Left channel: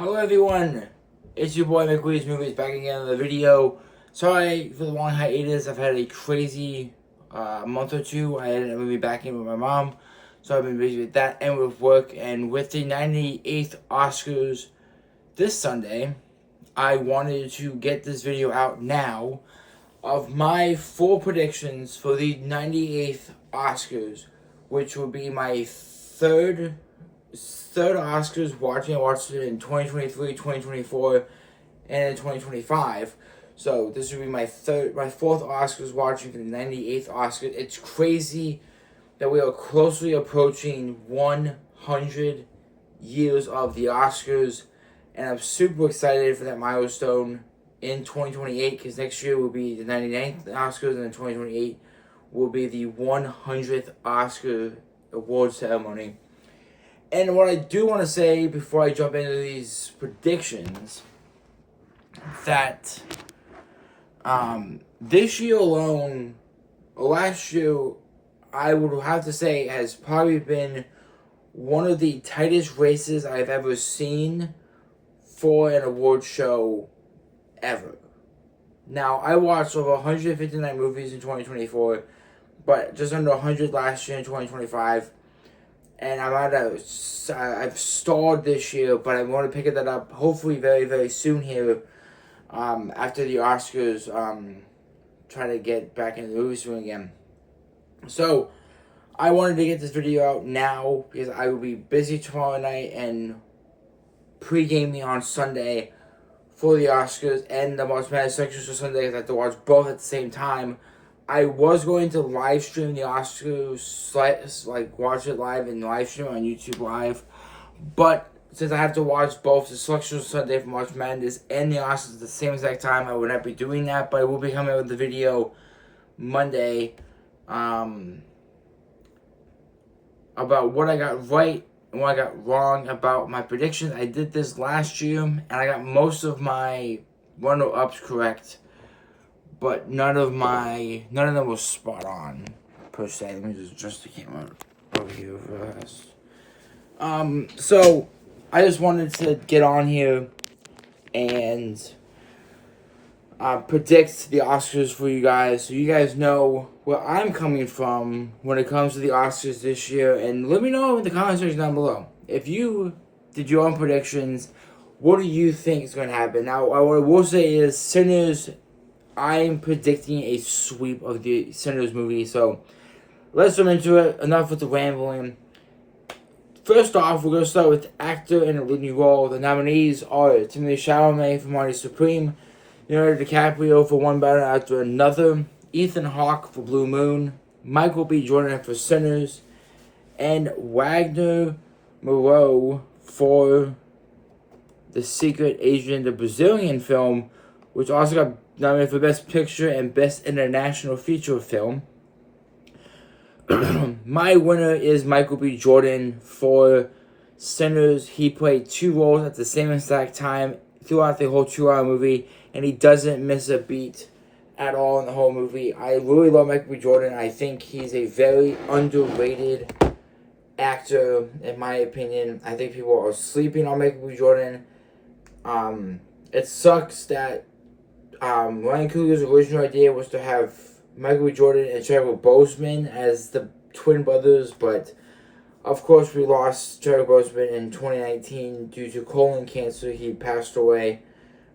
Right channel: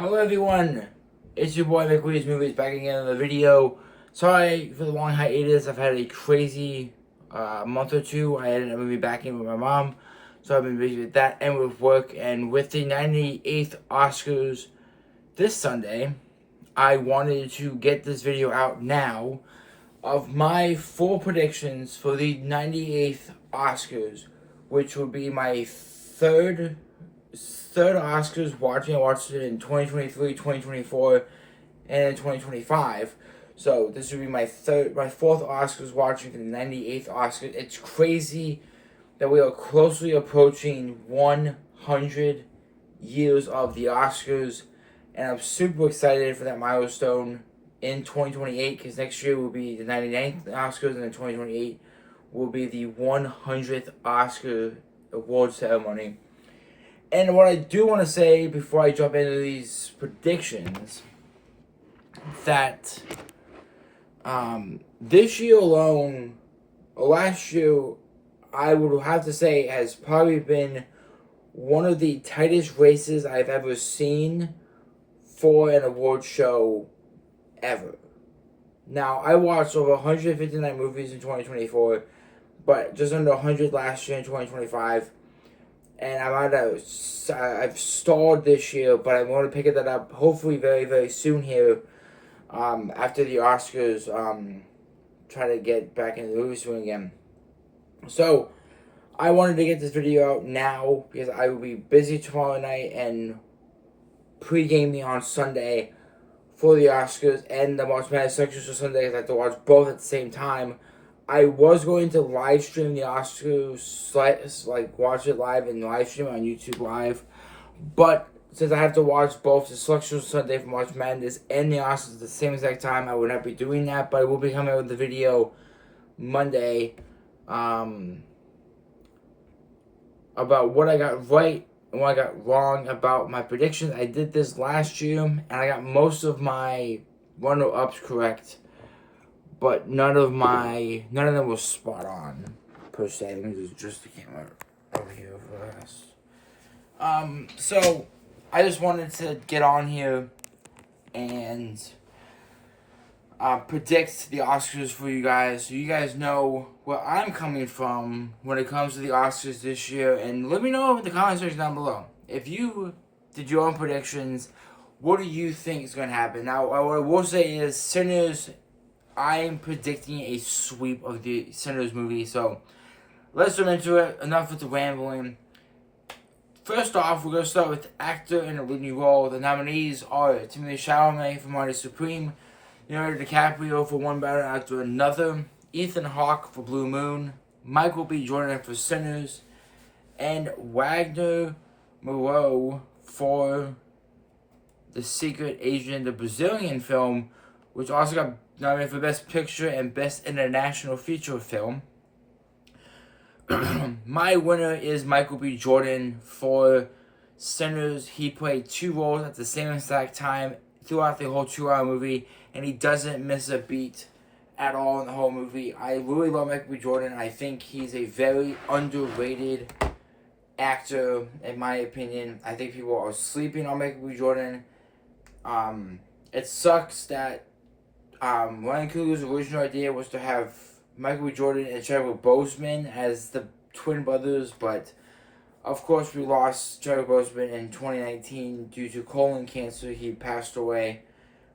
Hello everyone, it's your boy McWee's Movies back again in the video. Sorry for the long hiatus. I've had a crazy month or two. I had a movie back in with my mom, so I've been busy with that and with work. And with the 98th Oscars this Sunday, I wanted to get this video out now of my full predictions for the 98th Oscars, which will be my third Oscars watching. I watched it in 2023, 2024, and in 2025. So this would be my fourth Oscars watching for the 98th Oscars. It's crazy that we are closely approaching 100 years of the Oscars, and I'm super excited for that milestone in 2028, because next year will be the 99th Oscars, and then 2028 will be the 100th Oscar award ceremony. And what I do want to say before I jump into these predictions, that this year alone, last year, I would have to say has probably been one of the tightest races I've ever seen for an award show ever. Now, I watched over 159 movies in 2024, but just under 100 last year in 2025. And I've stalled this year, but I'm going to pick that up hopefully very, very soon here, after the Oscars, try to get back into the movie swing again. So, I wanted to get this video out now because I will be busy tomorrow night and pre-gaming on Sunday for the Oscars and the March Madness sections for Sunday, because I have to watch both at the same time. I was going to live stream the Oscars, like watch it live and live stream on YouTube Live, but since I have to watch both the selections Sunday for March Madness and the Oscars at the same exact time, I would not be doing that. But I will be coming out with the video Monday, about what I got right and what I got wrong about my predictions. I did this last year, and I got most of my runner-ups correct, but none of them was spot on, per se. Let me just adjust the camera over here for us. So I just wanted to get on here and predict the Oscars for you guys, so you guys know where I'm coming from when it comes to the Oscars this year. And let me know in the comment section down below, if you did your own predictions, what do you think is going to happen? Now, what I will say is, Sinners, I am predicting a sweep of the Sinners movie, so let's jump into it. Enough with the rambling. First off, we're going to start with actor in a leading role. The nominees are Timothée Chalamet for Marty Supreme, Leonardo DiCaprio for One Battle After Another, Ethan Hawke for Blue Moon, Michael B. Jordan for Sinners, and Wagner Moreau for The Secret Agent, the Brazilian film, which also got nominated for Best Picture and Best International Feature Film. My winner is Michael B. Jordan for Sinners. He played two roles at the same exact time throughout the whole 2-hour movie, and he doesn't miss a beat at all in the whole movie. I really love Michael B. Jordan. I think he's a very underrated actor, in my opinion. I think people are sleeping on Michael B. Jordan. It sucks that Ryan Coogler's original idea was to have Michael B. Jordan and Chadwick Boseman as the twin brothers, but of course we lost Chadwick Boseman in 2019 due to colon cancer. He passed away,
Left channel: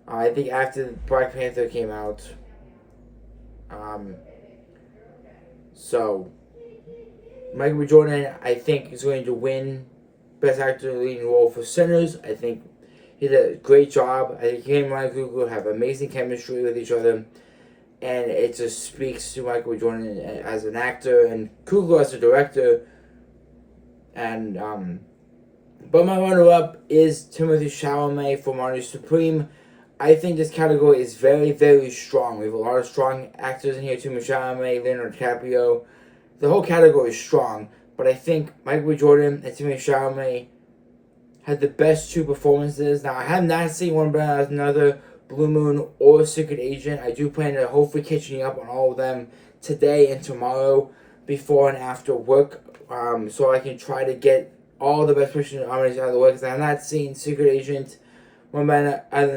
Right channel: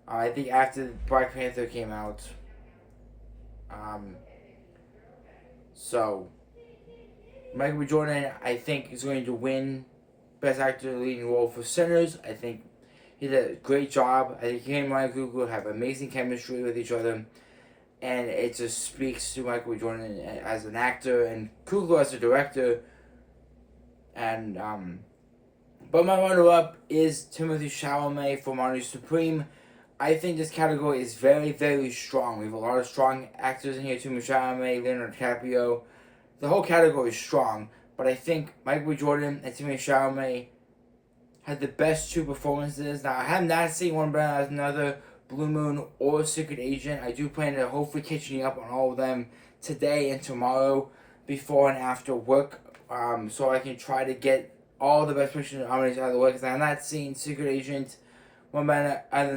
I think, after Black Panther came out. So Michael B. Jordan, I think, is going to win Best Actor in a Leading Role for Sinners. I think he did a great job. I think he and Ryan Coogler have amazing chemistry with each other, and it just speaks to Michael B. Jordan as an actor and Coogler as a director. And but my runner-up is Timothée Chalamet for Marty Supreme. I think this category is very, very strong. We have a lot of strong actors in here. Timothée Chalamet, Leonardo DiCaprio. The whole category is strong, but I think Michael B. Jordan and Timothée Chalamet had the best two performances. Now, I have not seen One Battle After Another, Blue Moon, or Secret Agent. I do plan to hopefully catching up on all of them today and tomorrow, before and after work, so I can try to get all the Best Picture nominees out of the way, because I have not seen Secret Agent, One Man as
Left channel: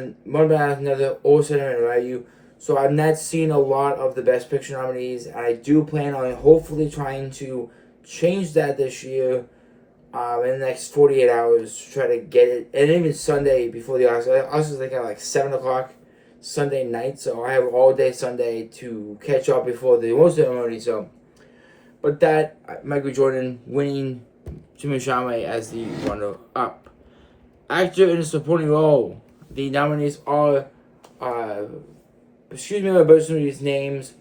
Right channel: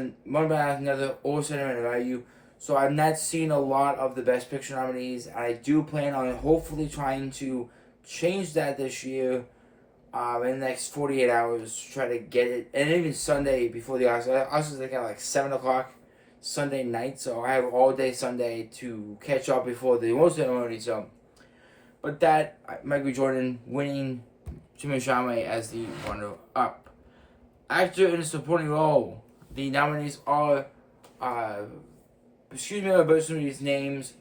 Another, or Sentimental Value. So I'm not seeing a lot of the Best Picture nominees. And I do plan on hopefully trying to change that this year. In the next 48 hours, to try to get it, and even Sunday before the Oscars. Oscars like at like 7 o'clock Sunday night, so I have all day Sunday to catch up before the award ceremony. So, but that Michael Jordan winning Timothée Chalamet as the runner-up. Actor in a supporting role. The nominees are, excuse me, I'm bursting these names.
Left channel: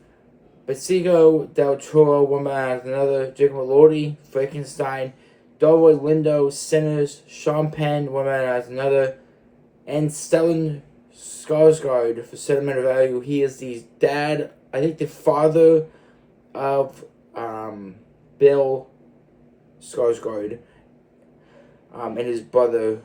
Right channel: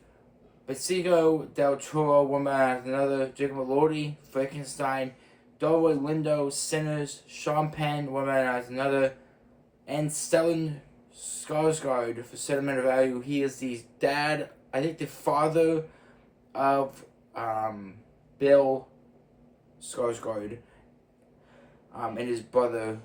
Benicio del Toro, One Man After Another, Jacob Elordi, Frankenstein, Delroy Lindo, Sinners, Sean Penn, One Man After Another, and Stellan Skarsgård for Sentimental Value. He is the dad, I think the father of Bill Skarsgård, and his brother.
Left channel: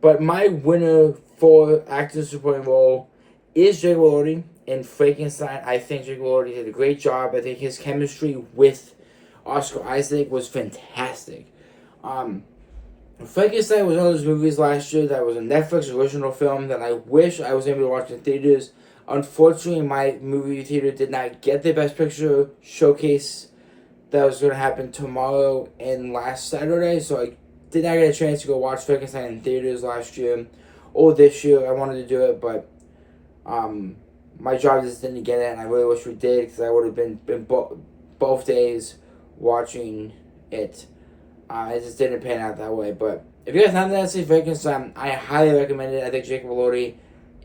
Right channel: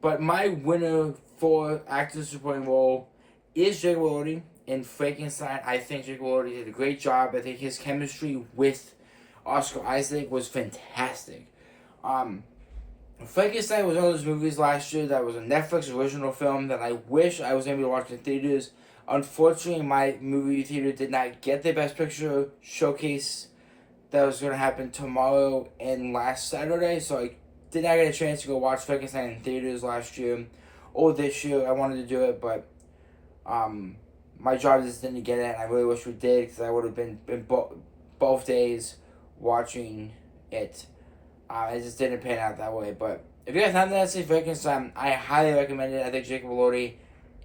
But my winner for actor supporting role is Jacob Elordi in Frankenstein. I think Jacob Elordi did a great job. I think his chemistry with Oscar Isaac was fantastic. Frankenstein was one of those movies last year that was a Netflix original film that I wish I was able to watch in theaters. Unfortunately, my movie theater did not get the Best Picture showcase that was going to happen tomorrow and last Saturday, so I did not get a chance to go watch Frankenstein in theaters last year or this year. I wanted to do it, but my job just didn't get it, and I really wish we did, because I would have been both days watching it. It just didn't pan out that way. But if you guys haven't seen Frankenstein, I highly recommend it. I think Jacob Elordi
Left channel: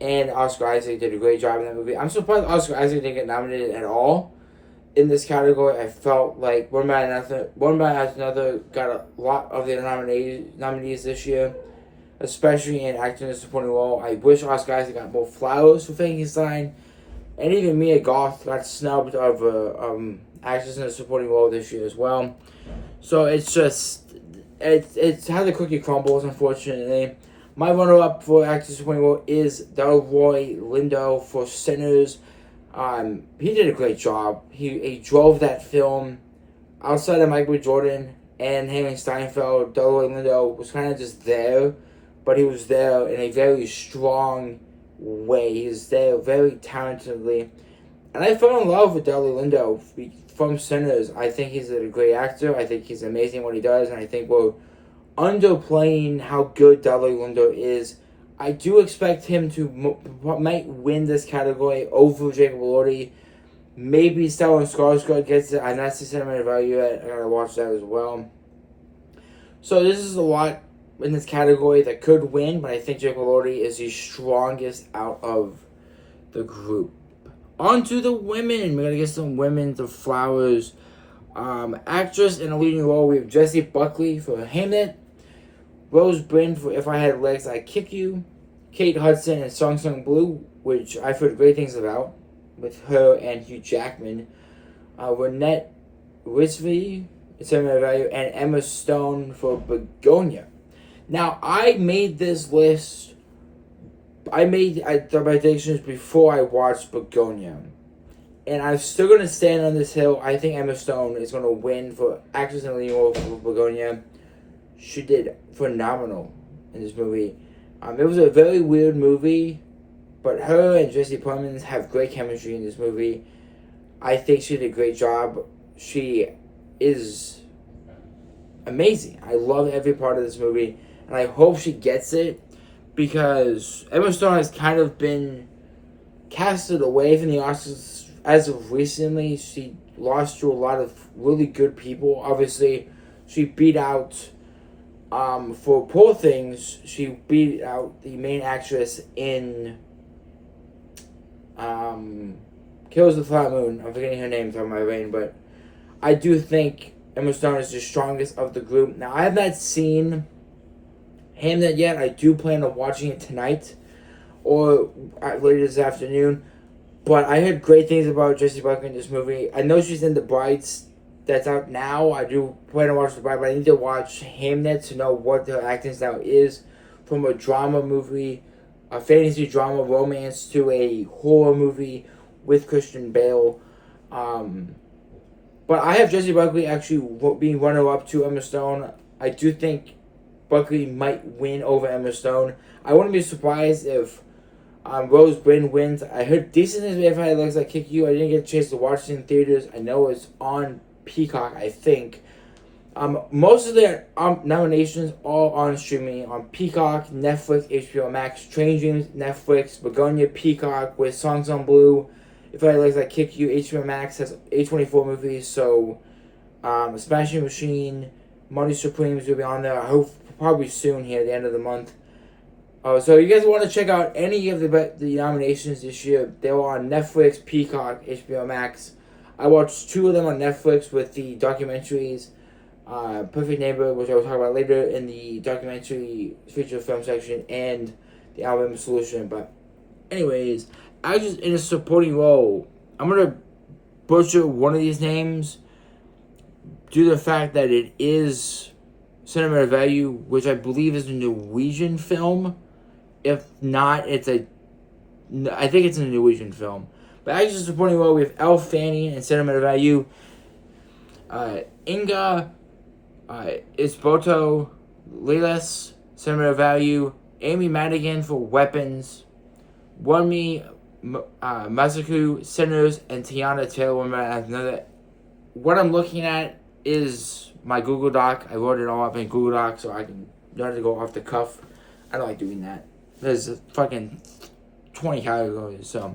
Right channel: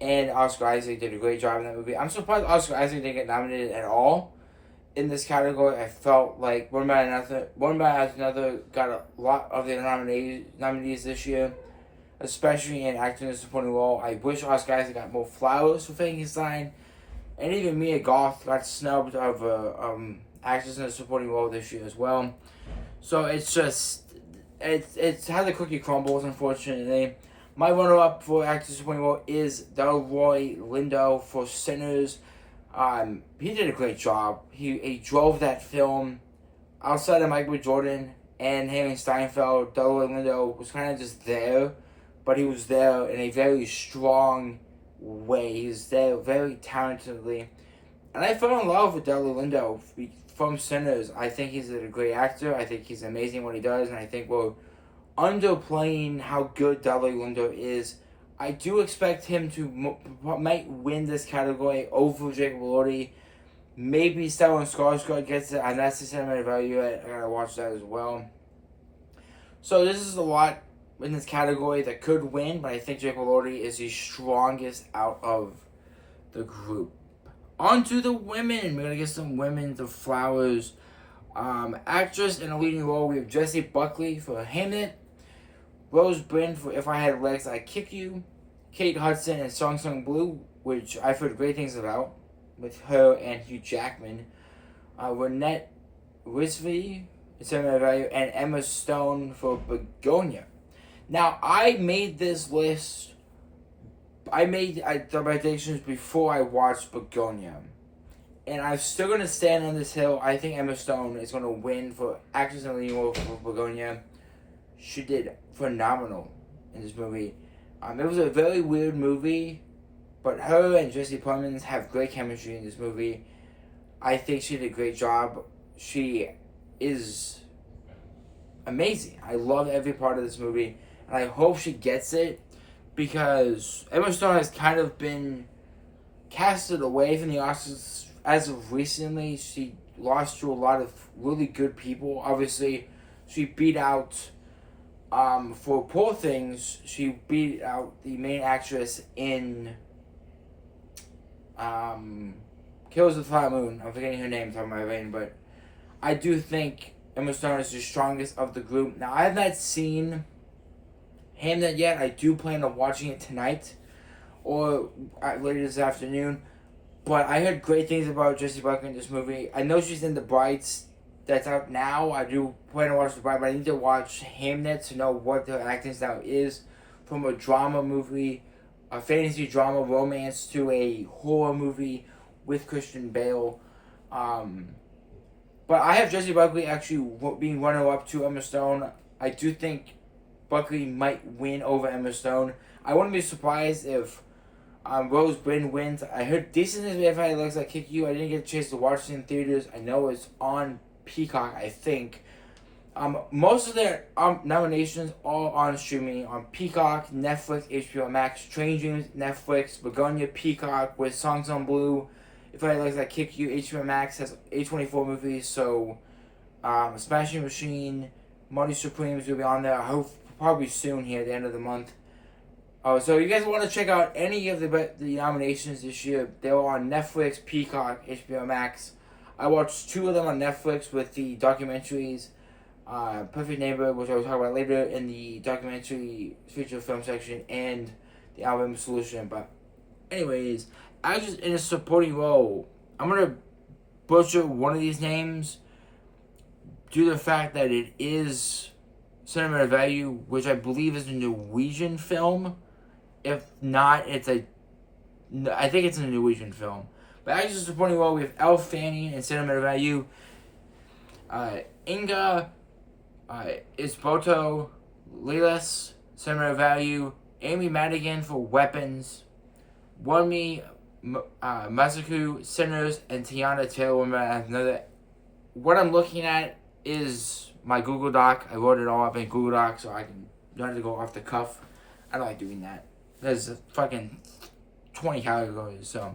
and Oscar Isaac did a great job in that movie. I'm surprised Oscar Isaac didn't get nominated at all in this category. I felt like One Man After Another got a lot of the nominees this year, especially in acting in a supporting role. I wish Oscar Isaac got more flowers for Frankenstein, and even Mia Goth got snubbed of actress in a supporting role this year as well. So it's just, it's how the cookie crumbles, unfortunately. My runner-up for actor supporting role is Delroy Lindo for Sinners. He did a great job. He drove that film. Outside of Michael Jordan and Haley Steinfeld, Delroy Lindo was kind of just there, but he was there in a very strong way. He was there very talentedly. And I fell in love with Delroy Lindo from Sinners. I think he's a great actor. I think he's amazing what he does, and I think we're underplaying how good Delroy Lindo is. I do expect him to might win this category over Jacob Elordi. Maybe Stellan Skarsgård gets it. I'm not seeing Sentimental Value yet. I gotta watch that as well. So this is a lot in this category that could win, but I think Jacob Elordi is the strongest out of the group. On to the women. We're going to get some women, the flowers. Actress in a leading role, we have Jessie Buckley for Hamlet. Rose Byrne for If I Had Legs, I'd Kick You. Kate Hudson in Song Sung Blue, which I've heard great things about, with her and Hugh Jackman. Renette Rizvi, Sentimental Value, and Emma Stone for Begonia. Now, I made this list. I made the predictions before I watched Begonia. And I'm still going to stand on this hill. I think Emma Stone is going to win for actress in the leading role for Begonia. She did phenomenal in this movie. It was a very weird movie, but her and Jesse Plemons have great chemistry in this movie. I think she did a great job. She is amazing. I love every part of this movie, and I hope she gets it, because Emma Stone has kind of been casted away from the Oscars as of recently. She lost to a lot of really good people. Obviously, she beat out, for Poor Things, she beat out the main actress in Killers of the Flower Moon. I'm forgetting her name, it's on my brain, but I do think Emma Stone is the strongest of the group. Now, I have not seen Hamlet yet. I do plan on watching it tonight or later this afternoon. But I heard great things about Jessie Buckley in this movie. I know she's in The Brides that's out now. I do plan to watch The Bride, but I need to watch Hamlet to know what her acting style is, from a drama movie, a fantasy drama romance, to a horror movie with Christian Bale. But I have Jessie Buckley actually being runner-up to Emma Stone. I do think Buckley might win over Emma Stone. I wouldn't be surprised if Rose Byrne wins. I heard decent things if I Looks Like Kick You. I didn't get a chance to watch it in theaters. I know it's on Peacock, I think. Most of their nominations all on streaming on Peacock, Netflix, HBO Max, Train Dreams, Netflix, Begonia, Peacock with Songs on Blue. If I Looks Like Kick You, HBO Max has A24 movies, so Smashing Machine, Money Supremes will be on there. I hope probably soon here at the end of the month. So you guys want to check out any of the nominations this year? They were on Netflix, Peacock, HBO Max. I watched 2 of them on Netflix with the documentaries. Perfect Neighbor, which I will talk about later in the documentary feature film section, and the Alabama Solution. But anyways, actors in a supporting role. I'm gonna butcher one of these names due to the fact that it is Sentimental Value, which I believe is a Norwegian film. If not, I think it's a Norwegian film. But actors in a supporting role, we have Elle Fanning in Sentimental Value. Inga Isboto Lilas, Sentimental Value. Amy Madigan for Weapons. Wunmi Masaku, Sinners, and Tiana Taylor as another. What I'm looking at is my Google Doc. I wrote it all up in Google Doc so I can not have to go off the cuff. I don't like doing that. There's fucking 20 categories, so.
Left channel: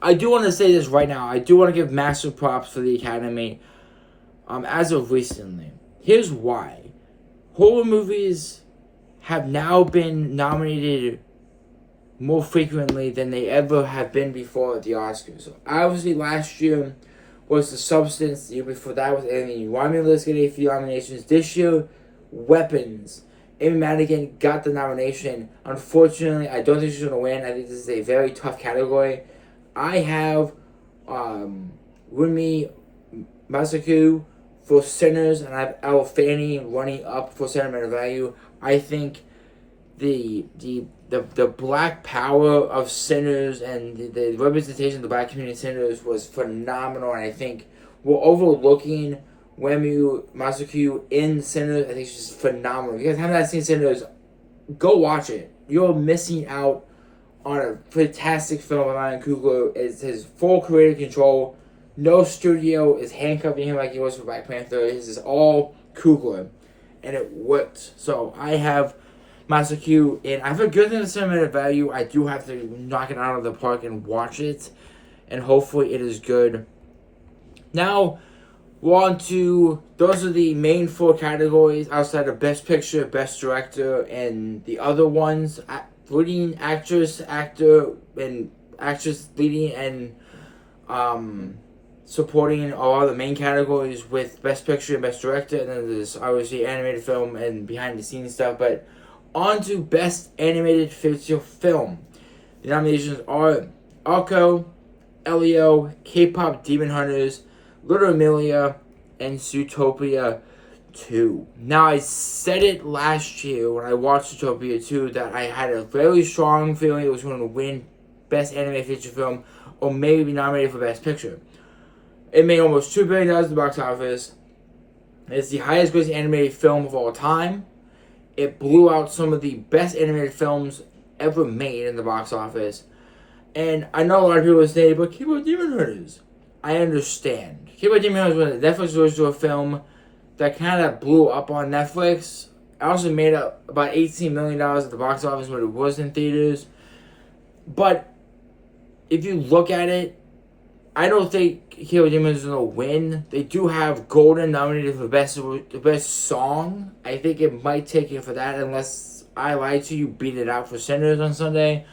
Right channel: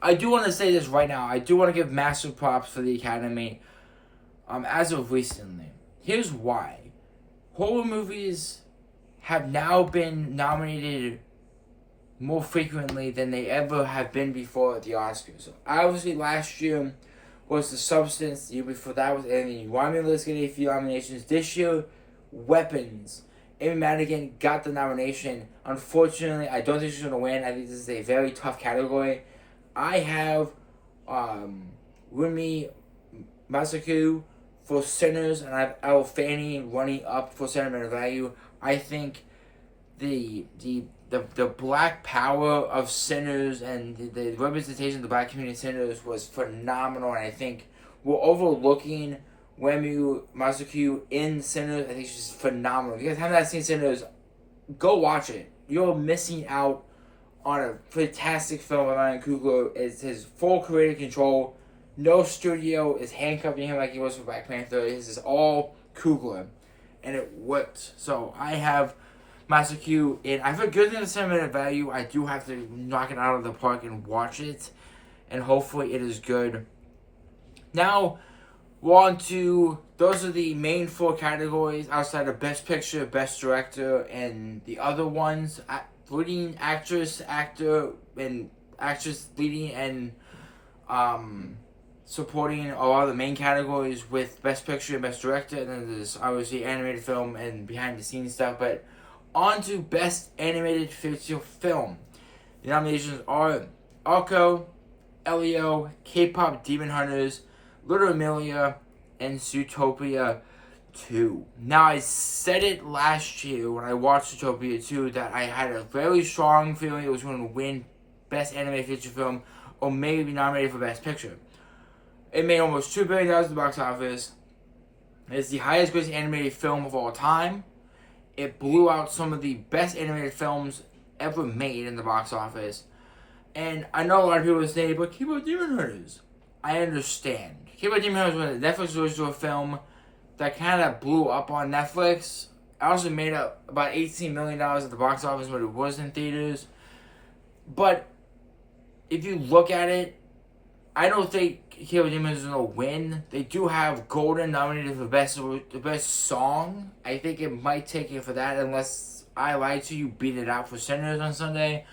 I do want to say this right now. I do want to give massive props for the Academy as of recently. Here's why. Horror movies have now been nominated more frequently than they ever have been before at the Oscars. So obviously last year was The Substance. The year before that was Alien. Romulus getting a few nominations. This year, Weapons. Amy Madigan got the nomination. Unfortunately, I don't think she's going to win. I think this is a very tough category. I have Wunmi Masaku for Sinners, and I have Elle Fanning running up for Sentimental Value. I think the black power of Sinners and the representation of the black community in Sinners was phenomenal, and I think we're overlooking Wunmi Masaku in Sinners. I think she's phenomenal. If you guys have not seen Sinners, go watch it. You're missing out on a fantastic film by Ryan Coogler. It's his full creative control. No studio is handcuffing him like he was for Black Panther. This is all Coogler, and it worked. So I have Masaku, and I have a good thing to Sentimental Value. I do have to knock it out of the park and watch it, and hopefully it is good. Now, we're on to, those are the main 4 categories outside of Best Picture, Best Director, and the other ones. Leading actress, actor, and actress leading and supporting are all the main categories with Best Picture and Best Director, and then there's obviously animated film and behind the scenes stuff. But on to Best Animated Feature Film. The nominations are Arco, Elio, K-Pop Demon Hunters, Little Emilia, and Zootopia 2. Now, I said it last year when I watched Zootopia 2 that I had a very strong feeling it was going to win Best Animated Feature Film or maybe be nominated for Best Picture. It made almost $2 billion at the box office. It's the highest grossing animated film of all time. It blew out some of the best animated films ever made in the box office. And I know a lot of people say, but K-Pop Demon Hunters. I understand. K-Pop Demon Hunters was a Netflix original film that kind of blew up on Netflix. It also made about $18 million at the box office when it was in theaters. But if you look at it, I don't think K-Pop Demon Hunters is going to win. They do have Golden nominated for the best song. I think it might take it for that unless I lied to you, beat it out for Sinners on Sunday.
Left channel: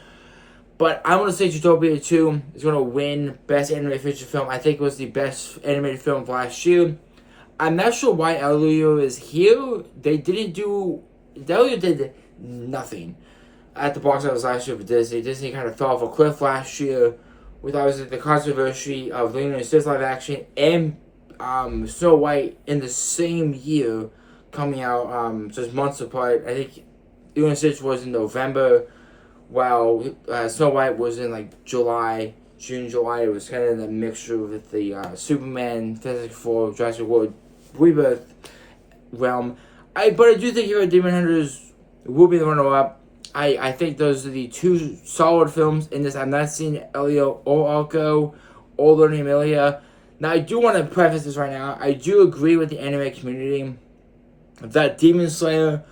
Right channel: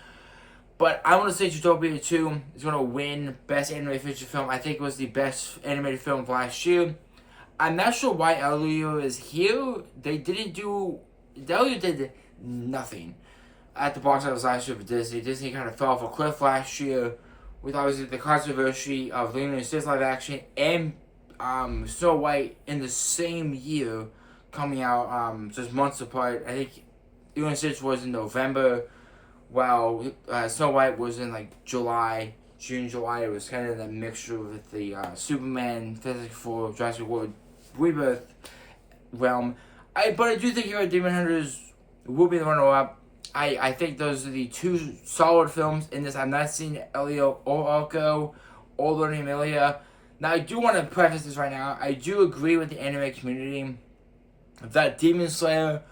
But I'm going to say Zootopia 2 is going to win Best Animated Feature Film. I think it was the best animated film of last year. I'm not sure why Elio is here. Elio did nothing at the box office last year for Disney. Disney kind of fell off a cliff last year with obviously the controversy of Lilo and Stitch live action and Snow White in the same year coming out just months apart. I think Lilo and Stitch was in November, while Snow White was in like June, July. It was kind of in the mixture with the Superman, Fantastic Four, Jurassic World Rebirth realm. But I do think Hero Demon Hunters will be the runner-up. I think those are the two solid films in this. I've not seen Elio or Arco or Learning Amelia. Now, I do want to preface this right now. I do agree with the anime community that Demon Slayer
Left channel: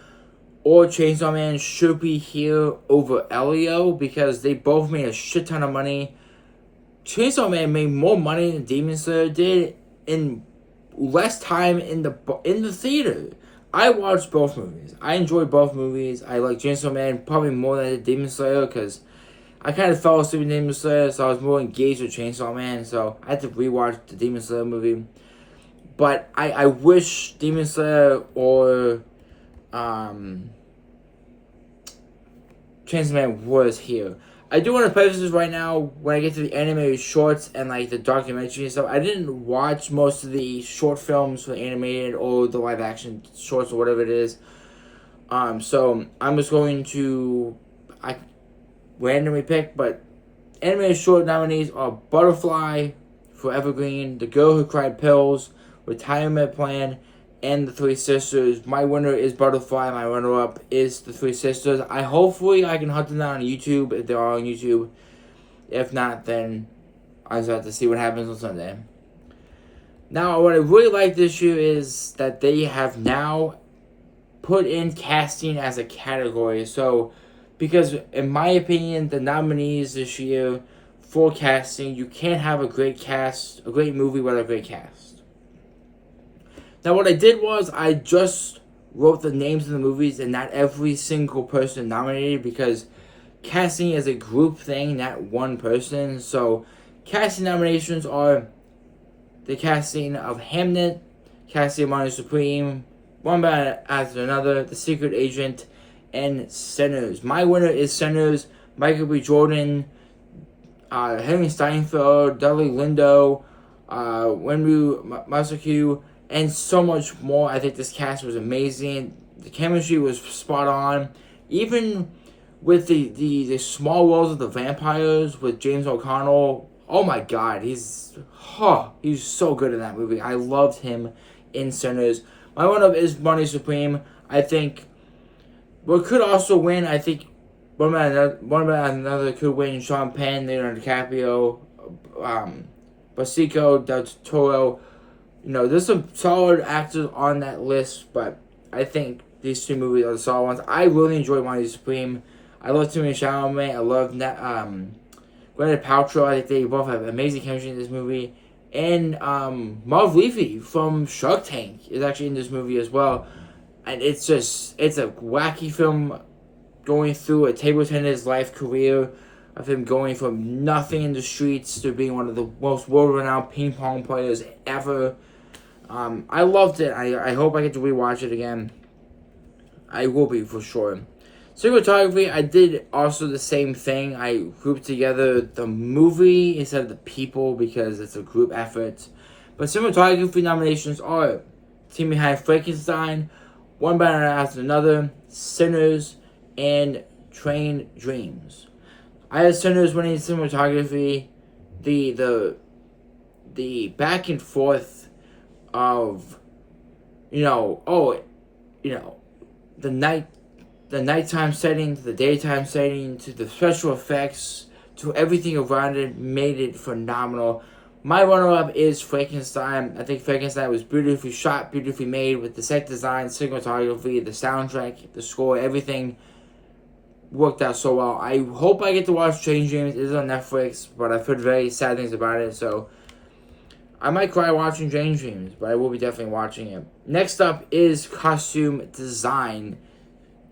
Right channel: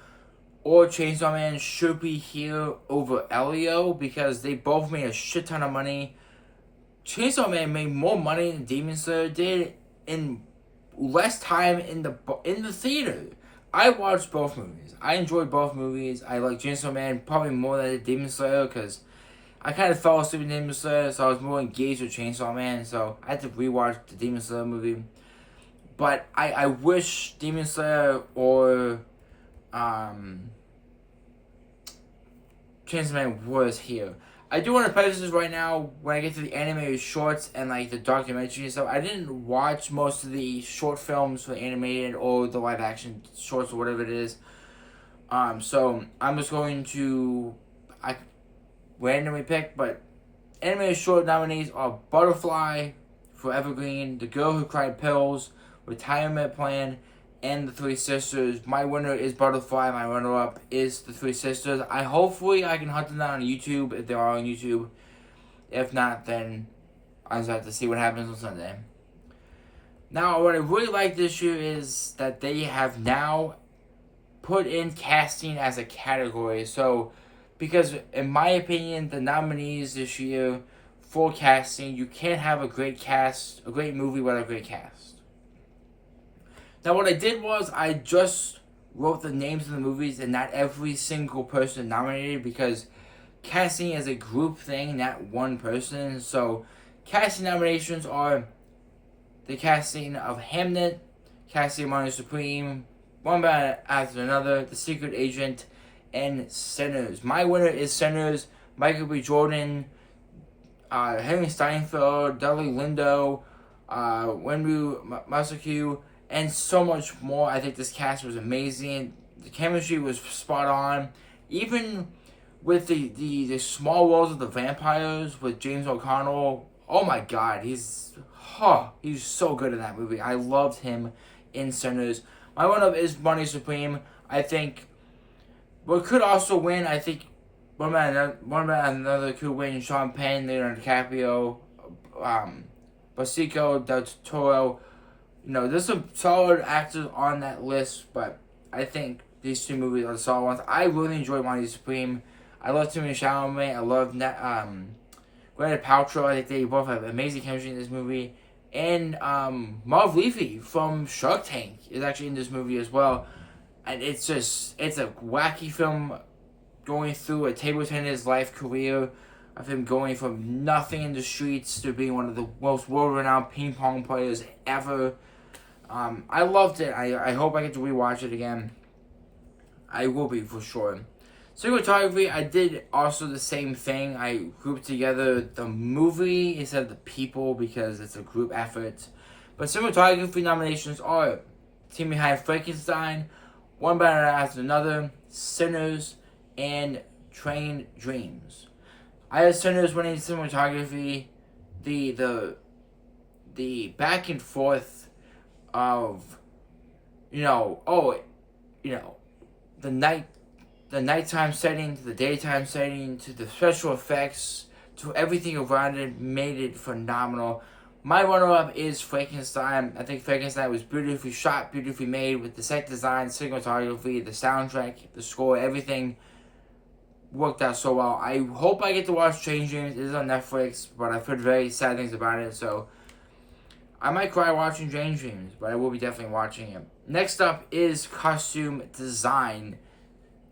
or Chainsaw Man should be here over Elio because they both made a shit ton of money. Chainsaw Man made more money than Demon Slayer did in less time in the theater. I watched both movies. I enjoyed both movies. I like Chainsaw Man probably more than Demon Slayer because I kind of fell asleep in Demon Slayer, so I was more engaged with Chainsaw Man, so I had to rewatch the Demon Slayer movie. But I wish Demon Slayer or Chainsaw Man was here. I do want to preface this right now when I get to the animated shorts and like the documentary and stuff. I didn't watch most of the short films for the animated or the live action shorts or whatever it is. So I'm just going to randomly pick, but animated short nominees are Butterfly, Forever Green, The Girl Who Cried Pills, Retirement Plan, and The Three Sisters. My winner is Butterfly. My runner-up is The Three Sisters. Hopefully I can hunt them down on YouTube if they are on YouTube. If not, then I just have to see what happens on Sunday. Now, what I really like this year is that they have now put in casting as a category. So, because in my opinion, the nominees this year for casting, you can't have a great movie without a great cast. Now, what I did was I just wrote the names of the movies and not every single person nominated because casting is a group thing, not one person. So, casting nominations are the casting of Hamnet, casting of Money Supreme, One Bad After Another, The Secret Agent, and Sinners. My winner is Sinners. Michael B. Jordan, Henry Steinfeld, Dudley Lindo, Wenwu Masaku, and so much more. I think this cast was amazing. The chemistry was spot on. Even with the small roles of the vampires with James O'Connell, oh my god, he's so good in that movie. I loved him in Sinners. My one-up is Money Supreme. I think what could also win, I think one about another could win. Sean Penn, Leonardo DiCaprio, Basico, Del Toro. There's some solid actors on that list, but I think these two movies are the solid ones. I really enjoyed Money Supreme. I love Timothée Chalamet. I love Gwyneth Paltrow. I think they both have amazing chemistry in this movie. And Marv Levy from Shark Tank is actually in this movie as well. And it's a wacky film going through a table tennis life career of him going from nothing in the streets to being one of the most world-renowned ping pong players ever. I loved it. I hope I get to rewatch it again. I will be for sure. Cinematography, I did also the same thing. I grouped together the movie instead of the people because it's a group effort. But cinematography nominations are Team Behind Frankenstein, One Bad After Another, Sinners, and Train Dreams. I had Sinners winning cinematography. The back and forth of the nighttime setting to the daytime setting to the special effects to everything around it made it phenomenal. My runner-up is Frankenstein. I think Frankenstein was beautifully shot, beautifully made with the set design, cinematography, the soundtrack, the score, everything worked out so well. I hope I get to watch Train Dreams. It is on Netflix, but I've heard very sad things about it, so I might cry watching Train Dreams, but I will be definitely watching it. Next up is costume design.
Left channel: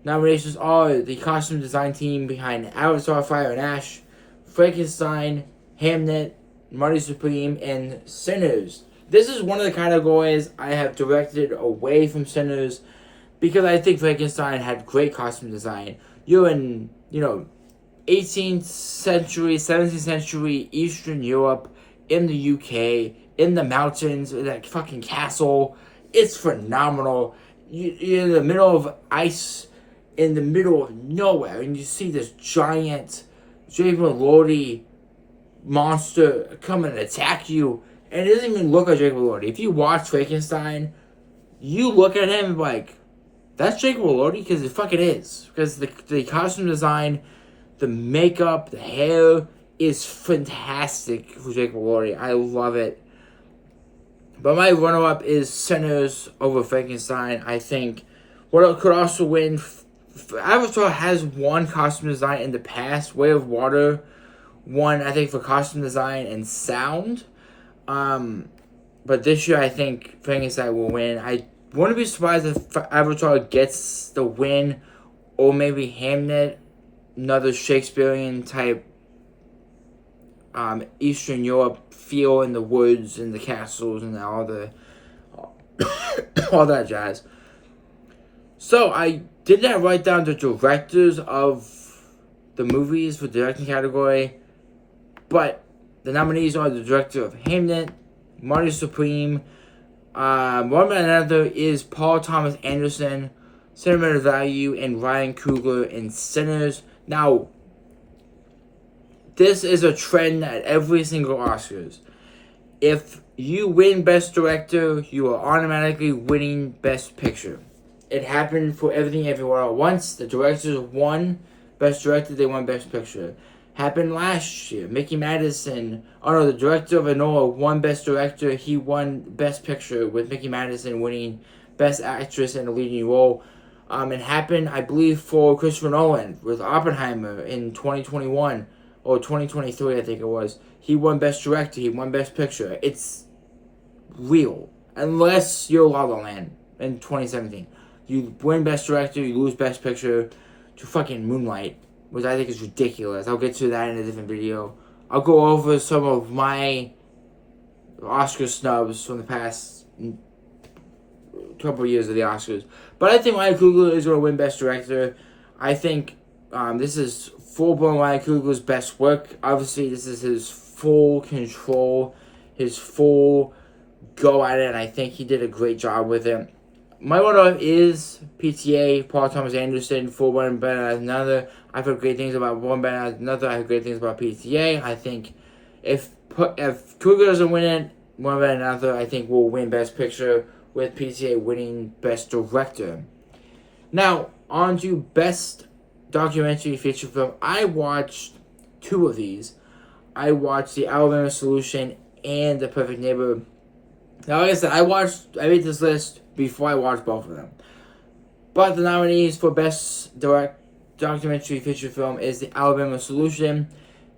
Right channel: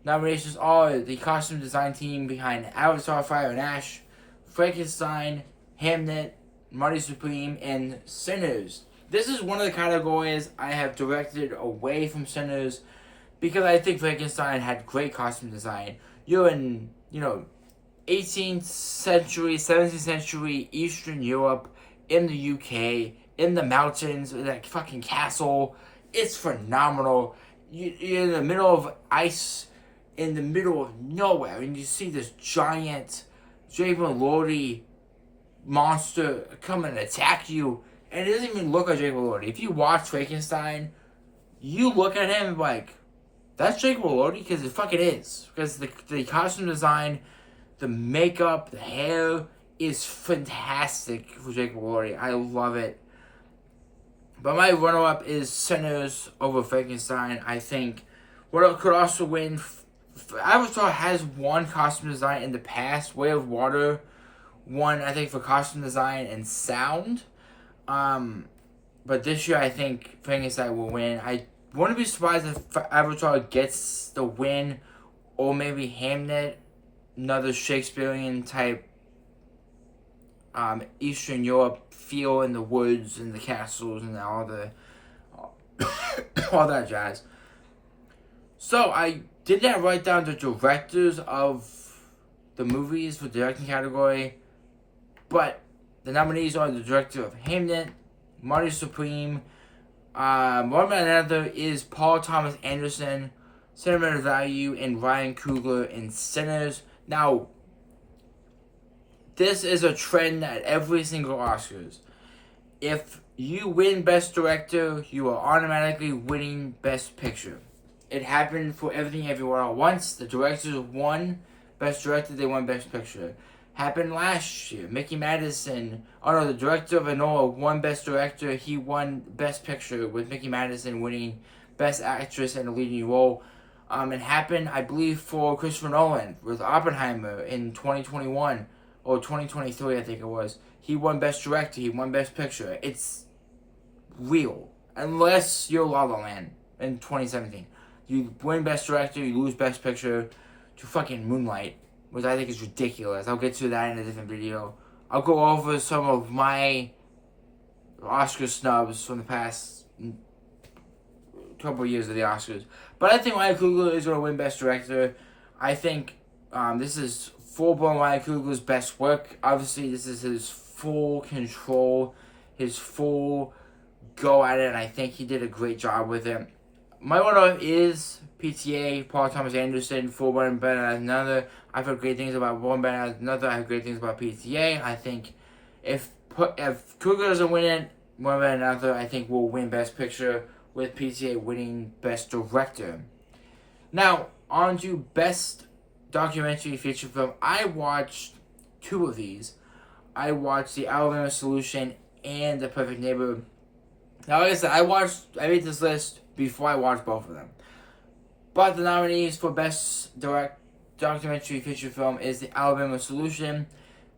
Nominations are the costume design team behind Avatar: Fire and Ash, Frankenstein, Hamnet, Money Supreme, and Sinners. This is one of the categories I have directed away from Sinners because I think Frankenstein had great costume design. You're in, 18th century, 17th century Eastern Europe, in the UK, in the mountains, in that fucking castle. It's phenomenal. You're in the middle of ice, in the middle of nowhere, and you see this giant Jason Lordy monster come and attack you, and it doesn't even look like Jason Lordy. If you watch Frankenstein, you look at him like, that's Jacob Elordi, because it fucking is. Because the costume design, the makeup, the hair is fantastic for Jacob Elordi. I love it. But my runner-up is Sinners over Frankenstein. I think what could also win. Avatar has won costume design in the past. Way of Water won, I think, for costume design and sound. But this year, I think Frankenstein will win. I wouldn't be surprised if Avatar gets the win, or maybe Hamlet, another Shakespearean type Eastern Europe feel in the woods and the castles and all that jazz. So I did not write down the directors of the movies for the directing category, but the nominees are the director of Hamlet, Marty Supreme, one by another is Paul Thomas Anderson, Sentimental Value, and Ryan Coogler in Sinners. Now, this is a trend at every single Oscars. If you win Best Director, you are automatically winning Best Picture. It happened for Everything Everywhere at Once. The directors won Best Director, they won Best Picture. Happened last year. Mickey Madison, the director of Enola won Best Director. He won Best Picture, with Mickey Madison winning Best Actress in a leading role. It happened, I believe, for Christopher Nolan with Oppenheimer in 2021 or 2023, I think it was. He won Best Director. He won Best Picture. It's real, unless you're La La Land in 2017. You win Best Director, you lose Best Picture to fucking Moonlight, which I think is ridiculous. I'll get to that in a different video. I'll go over some of my Oscar snubs from the past couple of years of the Oscars. But I think Ryan Coogler is going to win Best Director. I think this is full-blown Ryan Coogler's best work. Obviously, this is his full control, his full go at it, and I think he did a great job with it. My runner-up is PTA, Paul Thomas Anderson, for One Better As Another. I've heard great things about One Better As Another. I've heard great things about PTA. I think if Coogler doesn't win it, One Better As Another, I think will win Best Picture, with PTA winning Best Director. Now, on to Best Documentary Feature Film. I watched two of these. I watched The Alabama Solution and The Perfect Neighbor. Now, like I said, I made this list before I watched both of them. But the nominees for Best Documentary Feature Film is The Alabama Solution,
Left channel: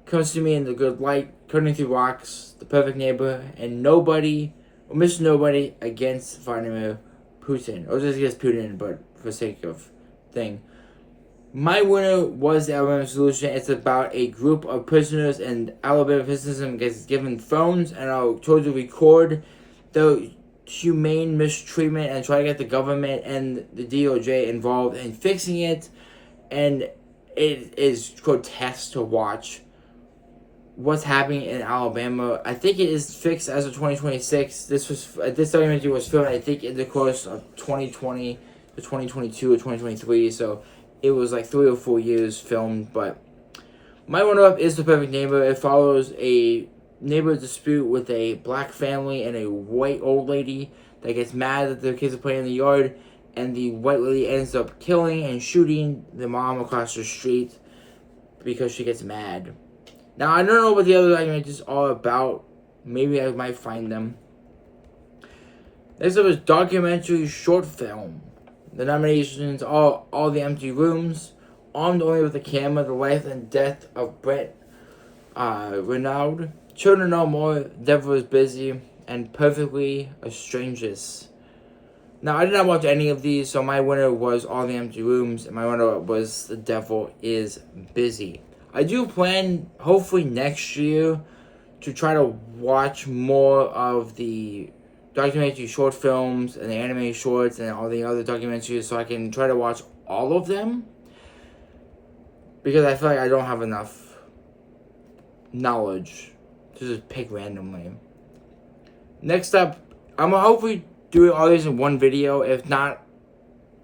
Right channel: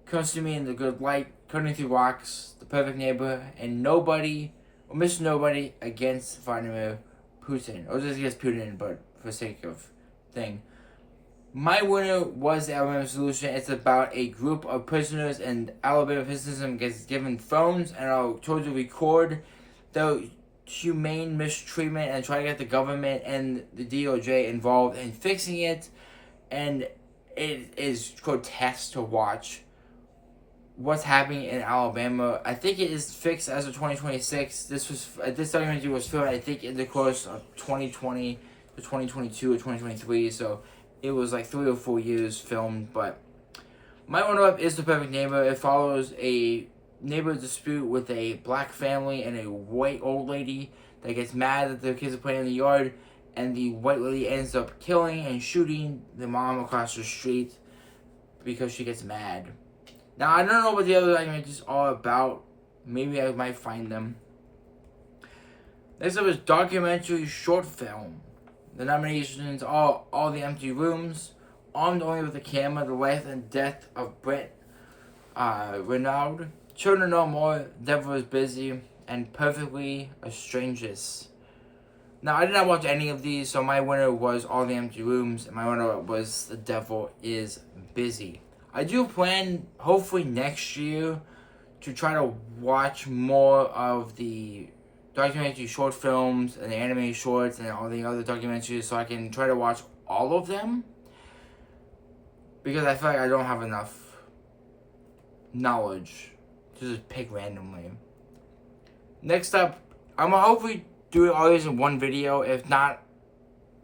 Comes to Me in the Good Light, Cutting Through Rocks, The Perfect Neighbor, and Mr. Nobody against Vladimir Putin. Or just against Putin, but for sake of thing. My winner was The Alabama Solution. It's about a group of prisoners, and Alabama prisoners gets given phones and are told to record the humane mistreatment and try to get the government and the DOJ involved in fixing it. And it is grotesque to watch what's happening in Alabama. I think it is fixed as of 2026. This documentary was filmed, I think, in the course of 2020 to 2022 or 2023. So it was like 3 or 4 years filmed. But my runner-up is The Perfect Neighbor. It follows a neighbor dispute with a black family and a white old lady that gets mad that their kids are playing in the yard, and the white lady ends up killing and shooting the mom across the street because she gets mad. Now, I don't know what the other documentaries are about. Maybe I might find them. Next up is documentary short film. The nominations are All the Empty Rooms, Armed Only with a Camera, The Life and Death of Brett Renaud, Children No More, Devil is Busy, and Perfectly a Strangest. Now, I did not watch any of these, so my winner was All the Empty Rooms, and my winner was The Devil is Busy. I do plan, hopefully next year, to try to watch more of the documentary short films and the anime shorts and all the other documentaries, so I can try to watch all of them, because I feel like I don't have enough knowledge to just pick randomly. Next up, I'm gonna hopefully do all these in one video. If not,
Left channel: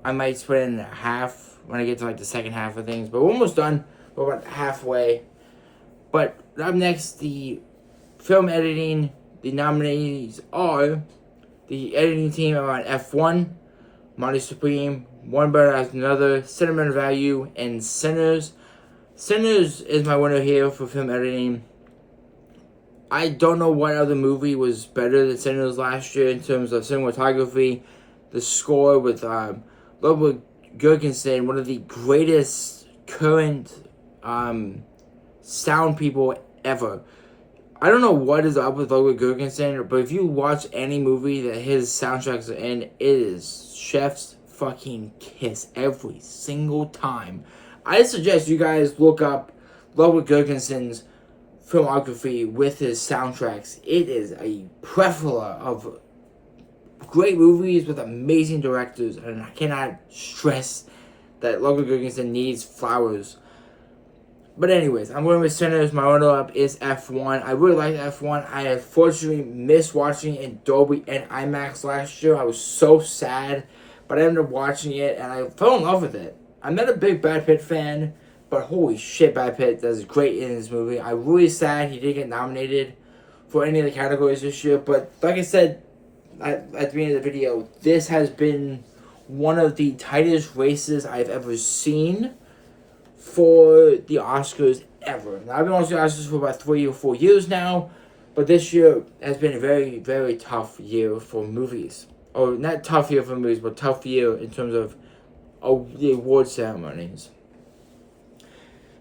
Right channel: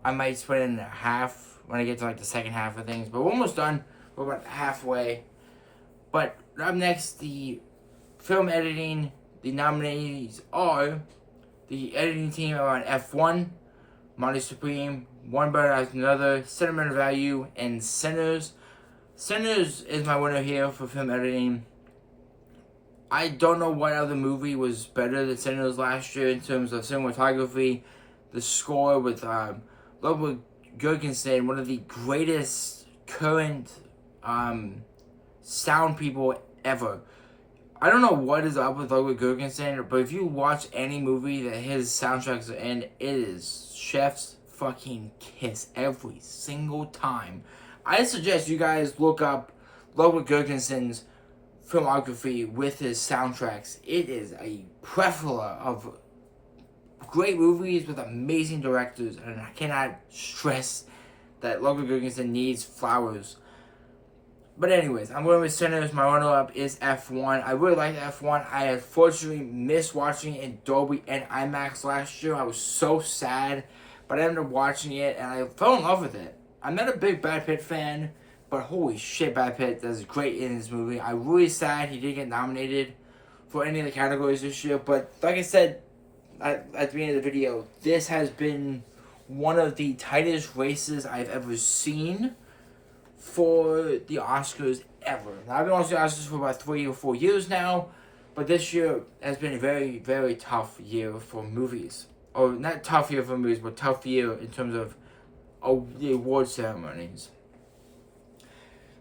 I might split it in half when I get to like the second half of things. But we're almost done. We're about halfway. But up next, the film editing. The nominees are the editing team around F1, Marty Supreme, One Better as Another, Sentimental Value, and Sinners. Sinners is my winner here for film editing. I don't know what other movie was better than Sinners last year in terms of cinematography. The score with Ludwig Göransson, one of the greatest current sound people ever. I don't know what is up with Ludwig Göransson, but if you watch any movie that his soundtracks are in, it is chef's fucking kiss every single time. I suggest you guys look up Ludwig Göransson's filmography with his soundtracks. It is a plethora of great movies with amazing directors, and I cannot stress that Ludwig Göransson needs flowers. But anyways, I'm going with Sinners. My runner-up is F1. I really like F1. I unfortunately missed watching it in Dolby and IMAX last year. I was so sad, but I ended up watching it, and I fell in love with it. I'm not a big Brad Pitt fan, but holy shit, Brad Pitt does great in this movie. I'm really sad he didn't get nominated for any of the categories this year, but like I said at the beginning of the video, this has been one of the tightest races I've ever seen for the Oscars ever. Now, I've been watching the Oscars for about 3 or 4 years now, but this year has been a very, very tough year for movies. Or not tough year for movies, but tough year in terms of the award ceremonies.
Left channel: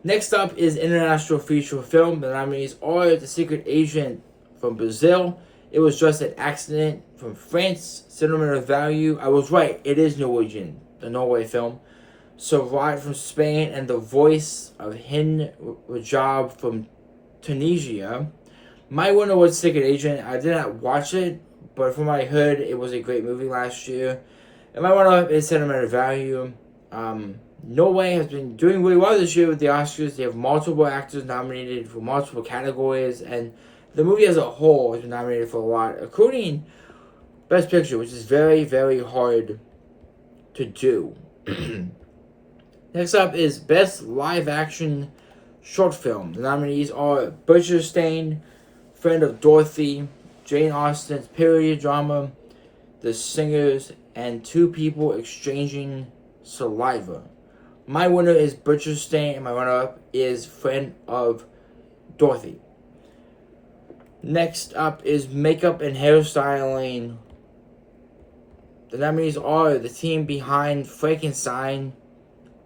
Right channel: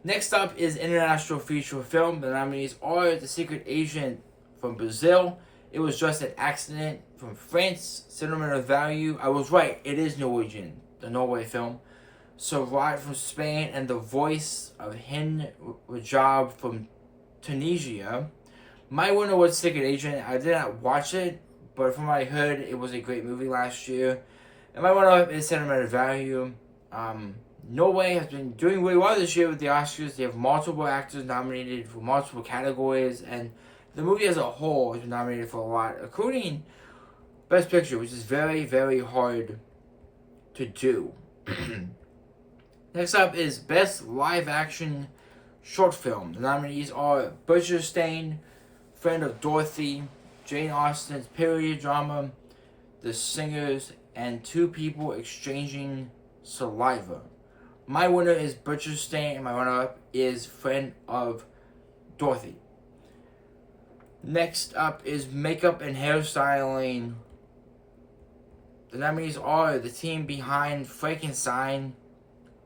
Next up is International Feature Film. The nominees are The Secret Agent from Brazil, It Was Just an Accident from France, Sentimental Value. I was right, it is Norwegian, the Norway film. Survive from Spain, and The Voice of Hind Rajab from Tunisia. My winner was Secret Agent. I did not watch it, but from what I heard, it was a great movie last year. And my winner is Sentimental Value. Norway has been doing really well this year with the Oscars. They have multiple actors nominated for multiple categories, and the movie as a whole has been nominated for a lot, including Best Picture, which is very, very hard to do. Next up is Best Live Action Short Film. The nominees are Butcherstein, Friend of Dorothy, Jane Austen's period drama, The Singers, and Two People Exchanging Saliva. My winner is Butcherstein, and my runner-up is Friend of Dorothy. Next up is Makeup and Hairstyling. The nominees are the team behind Frankenstein,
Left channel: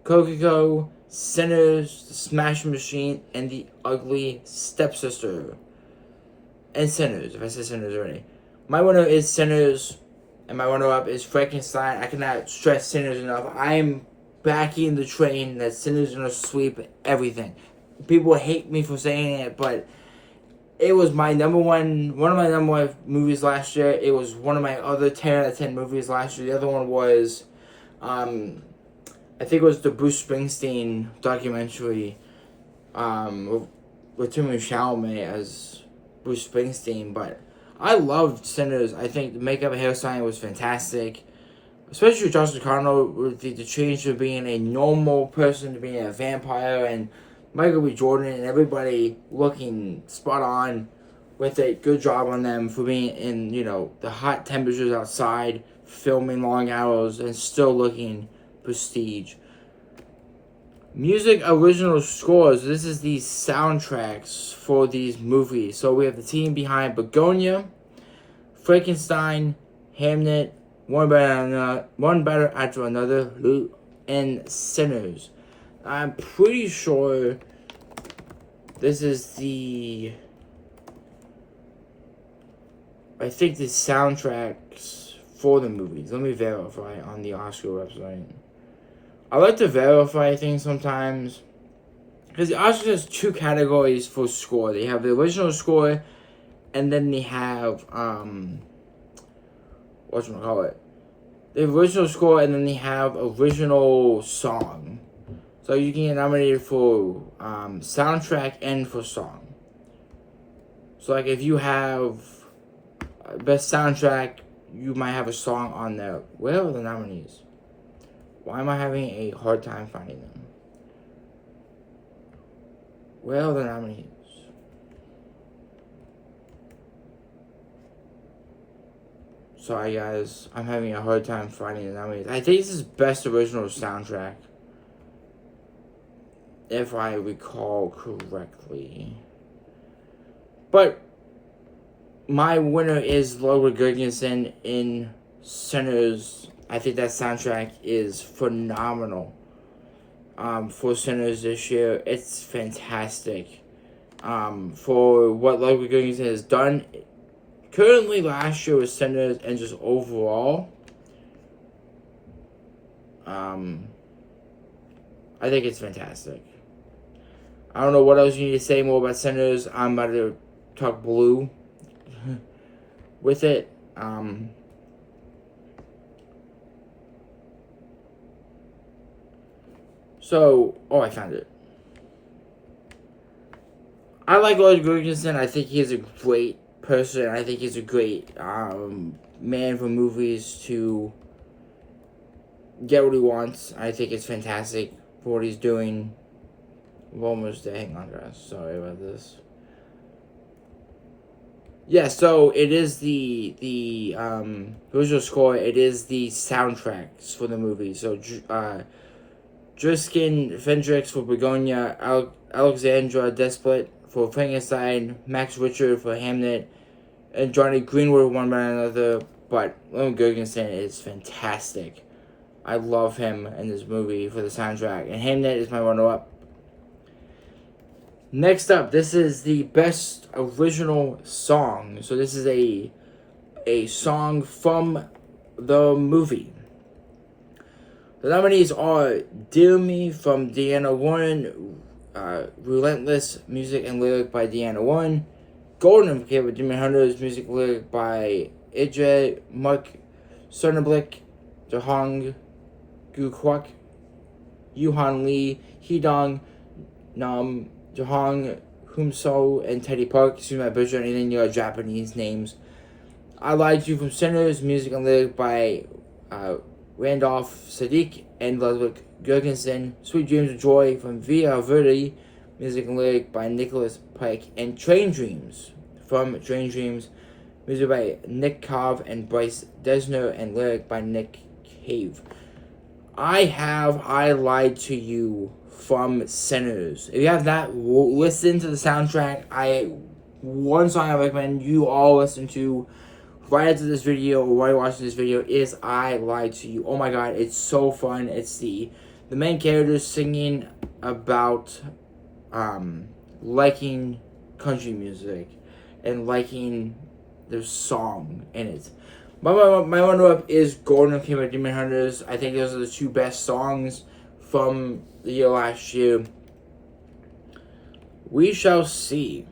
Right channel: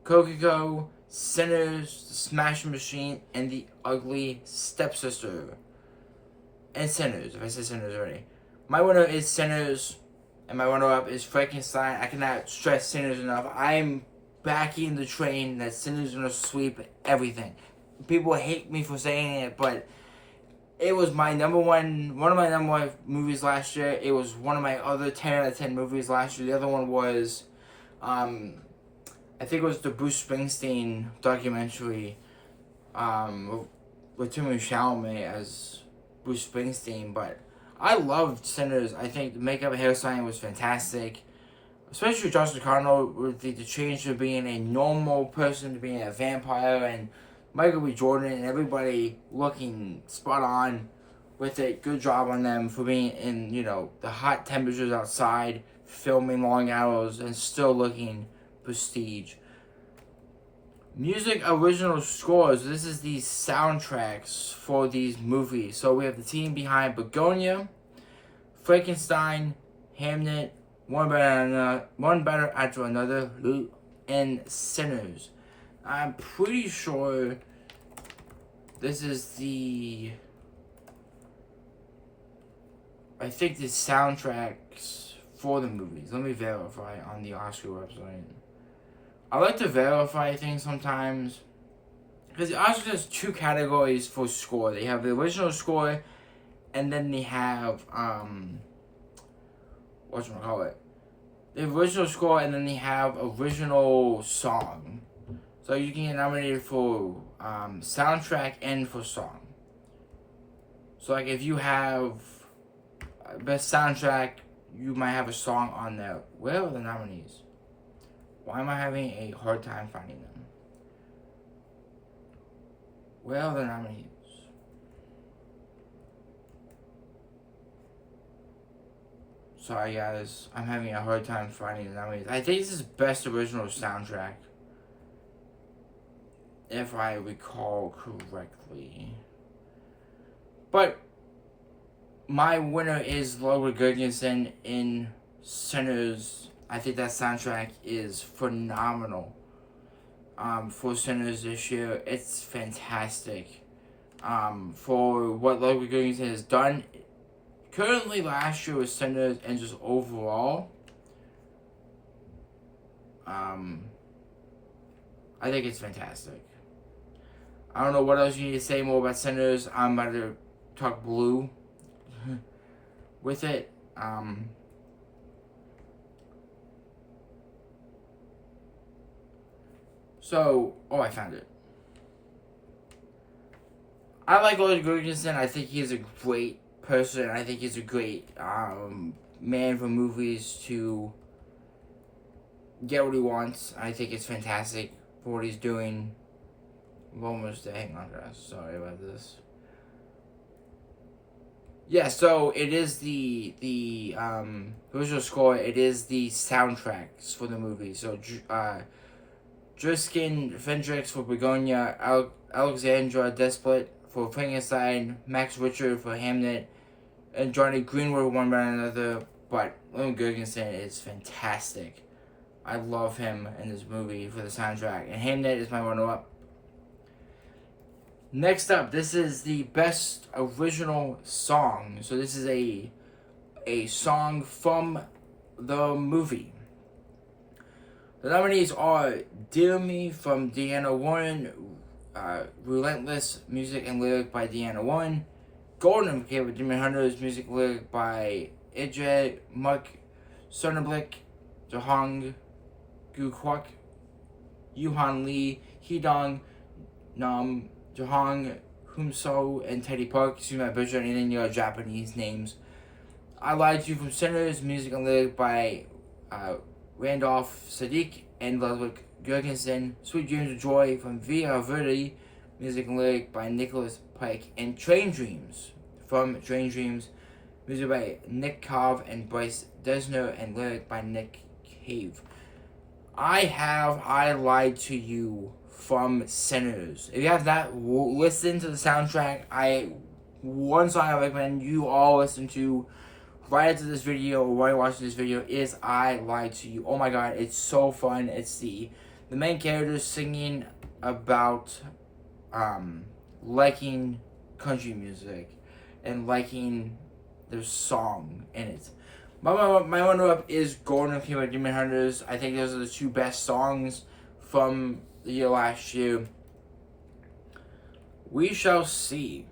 Coco, Sinners, The Smash Machine, and The Ugly Stepsister. And Sinners, if I said Sinners already. My winner is Sinners, and my runner-up is Frankenstein. I cannot stress Sinners enough. I'm backing the train that Sinners is going to sweep everything. People hate me for saying it, but it was my one of my number one movies last year. It was one of my other 10 out of 10 movies last year. The other one was, I think it was the Bruce Springsteen documentary with Timothée Chalamet as Bruce Springsteen. But I loved Sinners. I think the makeup and hairstyling was fantastic. Especially Josh O'Connell with the change from being a normal person to being a vampire, and Michael B. Jordan and everybody looking spot on with a good job on them for being in, the hot temperatures outside, filming long hours, and still looking prestige. Music original scores. This is the soundtracks for these movies. So we have the team behind Begonia, Frankenstein, Hamnet, One Better After Another, and Sinners. I'm pretty sure this is I think the soundtracks for the movies. Let me verify on the Oscar website. I like to verify things sometimes, because the Oscars has two categories for score. They have the original score, and then they have the original score, and then they have original song. So you can get nominated for soundtrack and for song. So like if you have best soundtrack, you might have a song on there. Where are the nominees? Why am I having a hard time finding them? Where are the nominees? Sorry guys, I'm having a hard time finding the nominees. I think this is Best Original Soundtrack, if I recall correctly. But my winner is Ludwig Göransson in Sinners. I think that soundtrack is phenomenal. For Sinners this year, it's fantastic. For what Ludwig Göransson has done. Currently, last year was Sinners, and just overall, I think it's fantastic. I don't know what else you need to say more about Sinners. I'm about to talk Blue with it. I found it. I like Lloyd Gurgensen. I think he's a great person. I think he's a great man for movies to get what he wants. I think it's fantastic for what he's doing. I'm almost there. Hang on, guys. Sorry about this. Yeah, so it is the original score. It is the soundtracks for the movie. So Driskin Fendrix for Begonia, Alexandra Desplet for Frankenstein, Max Richard for Hamnet, and Johnny Greenwood one by another. But Ludwig Göransson is fantastic. I love him in this movie for the soundtrack, and Hamnet is my runner-up. Next up, this is the Best Original Song. So this is a song from the movie. The nominees are Dear Me from Deanna Warren, Relentless, music and lyric by Deanna Warren, Golden for Demon Hunters, music and lyric by Idre, Mark Cerneblick, Jahong Gukwak, Yuhan Lee, Hidong Nam, Jahong Humso, and Teddy Park. Excuse me, I butchered anything your Japanese names. I Lied to You from Sinners, music and lyric by Randolph Sadiq and Ludwig Göransson. Sweet Dreams of Joy from Via Verde, music and lyric by Nicholas Pike. And Train Dreams from Train Dreams, music by Nick Cove and Bryce Desner, and lyric by Nick Cave. I Lied to You from Sinners. If you have not listened to the soundtrack, one song I recommend you all listen to right after this video or while watching this video is I Lied to You. Oh my god, it's so fun. It's the main characters singing about liking country music and liking their song in it. My runner-up is Golden Theme by Demon Hunters. I think those are the two best songs from the year last year. We shall see.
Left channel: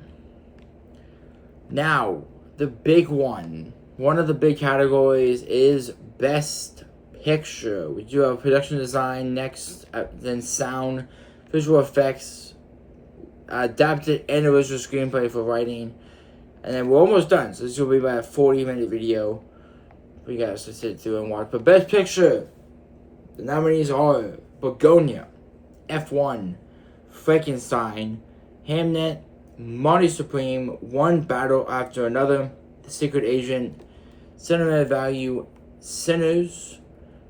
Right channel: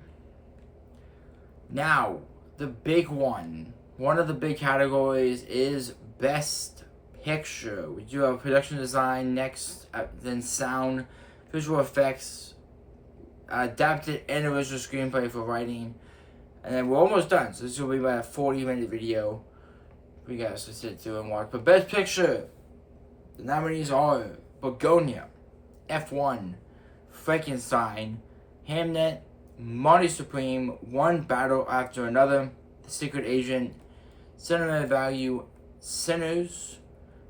Now, the big one of the big categories is Best Picture. We do have production design next, then sound, visual effects, adapted and original screenplay for writing, and then we're almost done. So this will be about a 40-minute video for you guys to sit through and watch. But Best Picture, the nominees are Begonia, F1, Frankenstein, Hamnet, Money Supreme, One Battle After Another, The Secret Agent, Cinema Value, Sinners,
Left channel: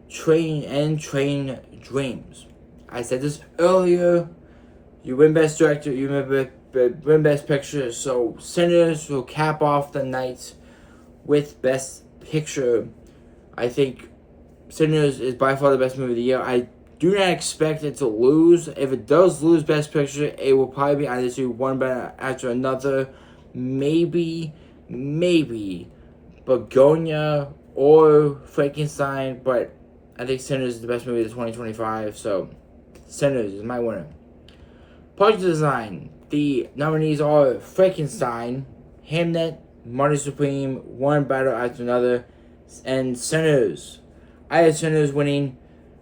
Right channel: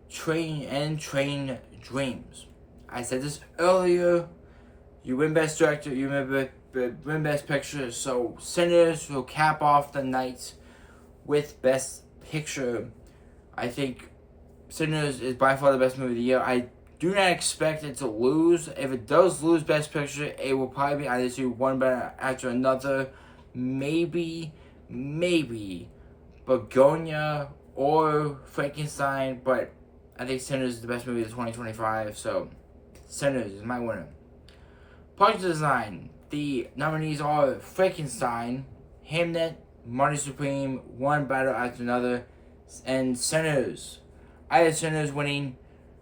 Train Dreams. I said this earlier. You win Best Director, you win Best Picture. So Sinners will cap off the night with Best Picture. I think Sinners is by far the best movie of the year. I do not expect it to lose. If it does lose Best Picture, it will probably be either to One Battle After Another, maybe Begonia or Frankenstein, but I think Sinners is the best movie of 2025, so Sinners is my winner. Production design, the nominees are Frankenstein, Hamnet, Money Supreme, One Battle After Another, and Sinners. I have Sinners winning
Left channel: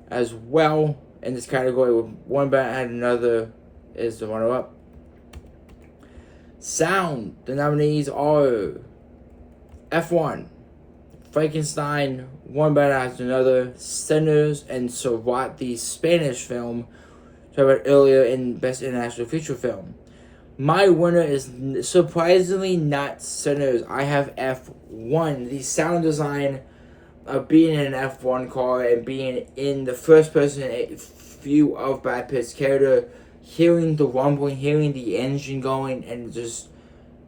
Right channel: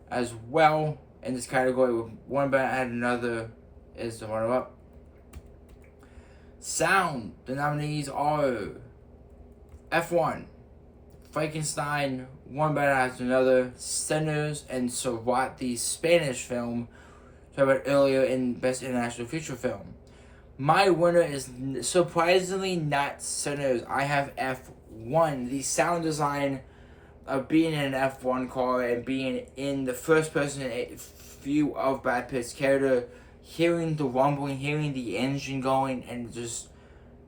as well in this category, with One Battle After Another is the runner-up. Sound, the nominees are F1, Frankenstein, One Battle After Another, Sinners, and Surat, the Spanish film talked about earlier in Best International Feature Film. My winner is surprisingly not Sinners. I have F1. The sound design of being in an F1 car and being in the first person view of Brad Pitt's character, hearing the rumbling, hearing the engine going, and just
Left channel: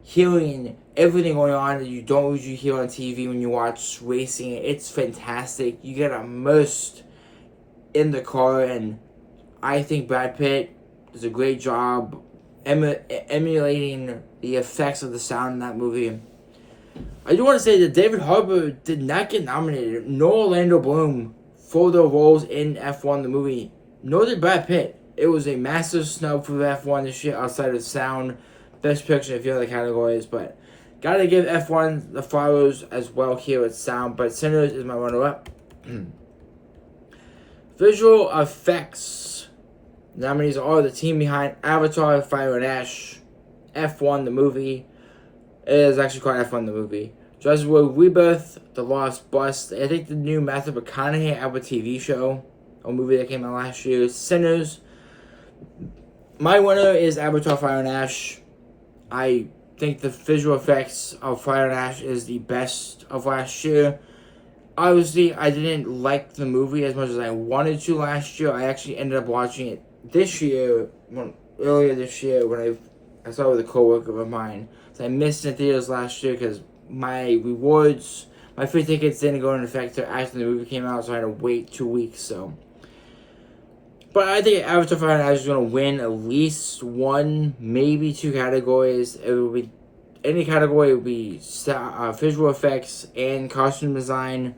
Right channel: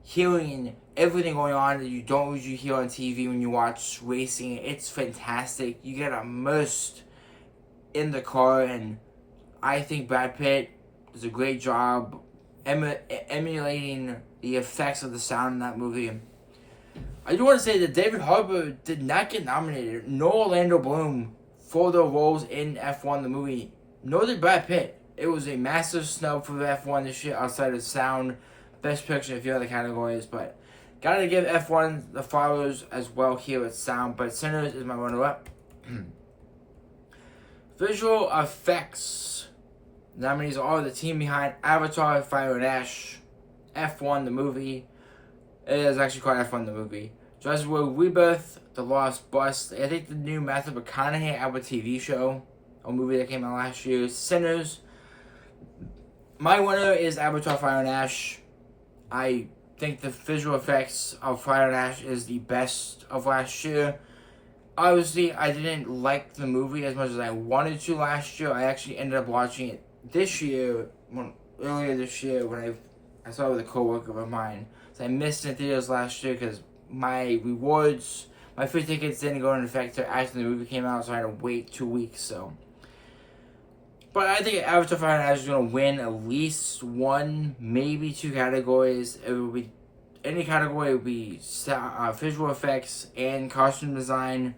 hearing everything going on that you don't usually hear on TV when you watch racing. It's fantastic. You get immersed in the car, and I think Brad Pitt does a great job emulating the effects of the sound in that movie. I do want to say that David Harbour did not get nominated, nor Orlando Bloom, for their roles in F1 the movie, nor did Brad Pitt. It was a massive snub for F1 this year outside of sound, best picture, and a few other categories, but gotta give F1 the flowers as well here at sound, but Sinners is my runner-up. Visual effects nominees are the team behind Avatar, Fire and Ash, F1 the movie. It is actually called F1 the movie. Jurassic World Rebirth, The Lost Bus. I think the new Matthew McConaughey Apple TV show, a movie that came out last year. Sinners. My winner is Avatar, Fire and Ash. I think the visual effects of Fire and Ash is the best of last year. Obviously, I didn't like the movie as much as I wanted to last year. I actually ended up watching it this year, earlier this year, when I saw it with a coworker of mine. So I missed it in theaters last year because my rewards, my free tickets didn't go into effect until after the movie came out, so I had to wait 2 weeks. So, but I think Avatar: Fire and Ash is going to win at least one, maybe two categories. It will be any category. It will be visual effects and costume design.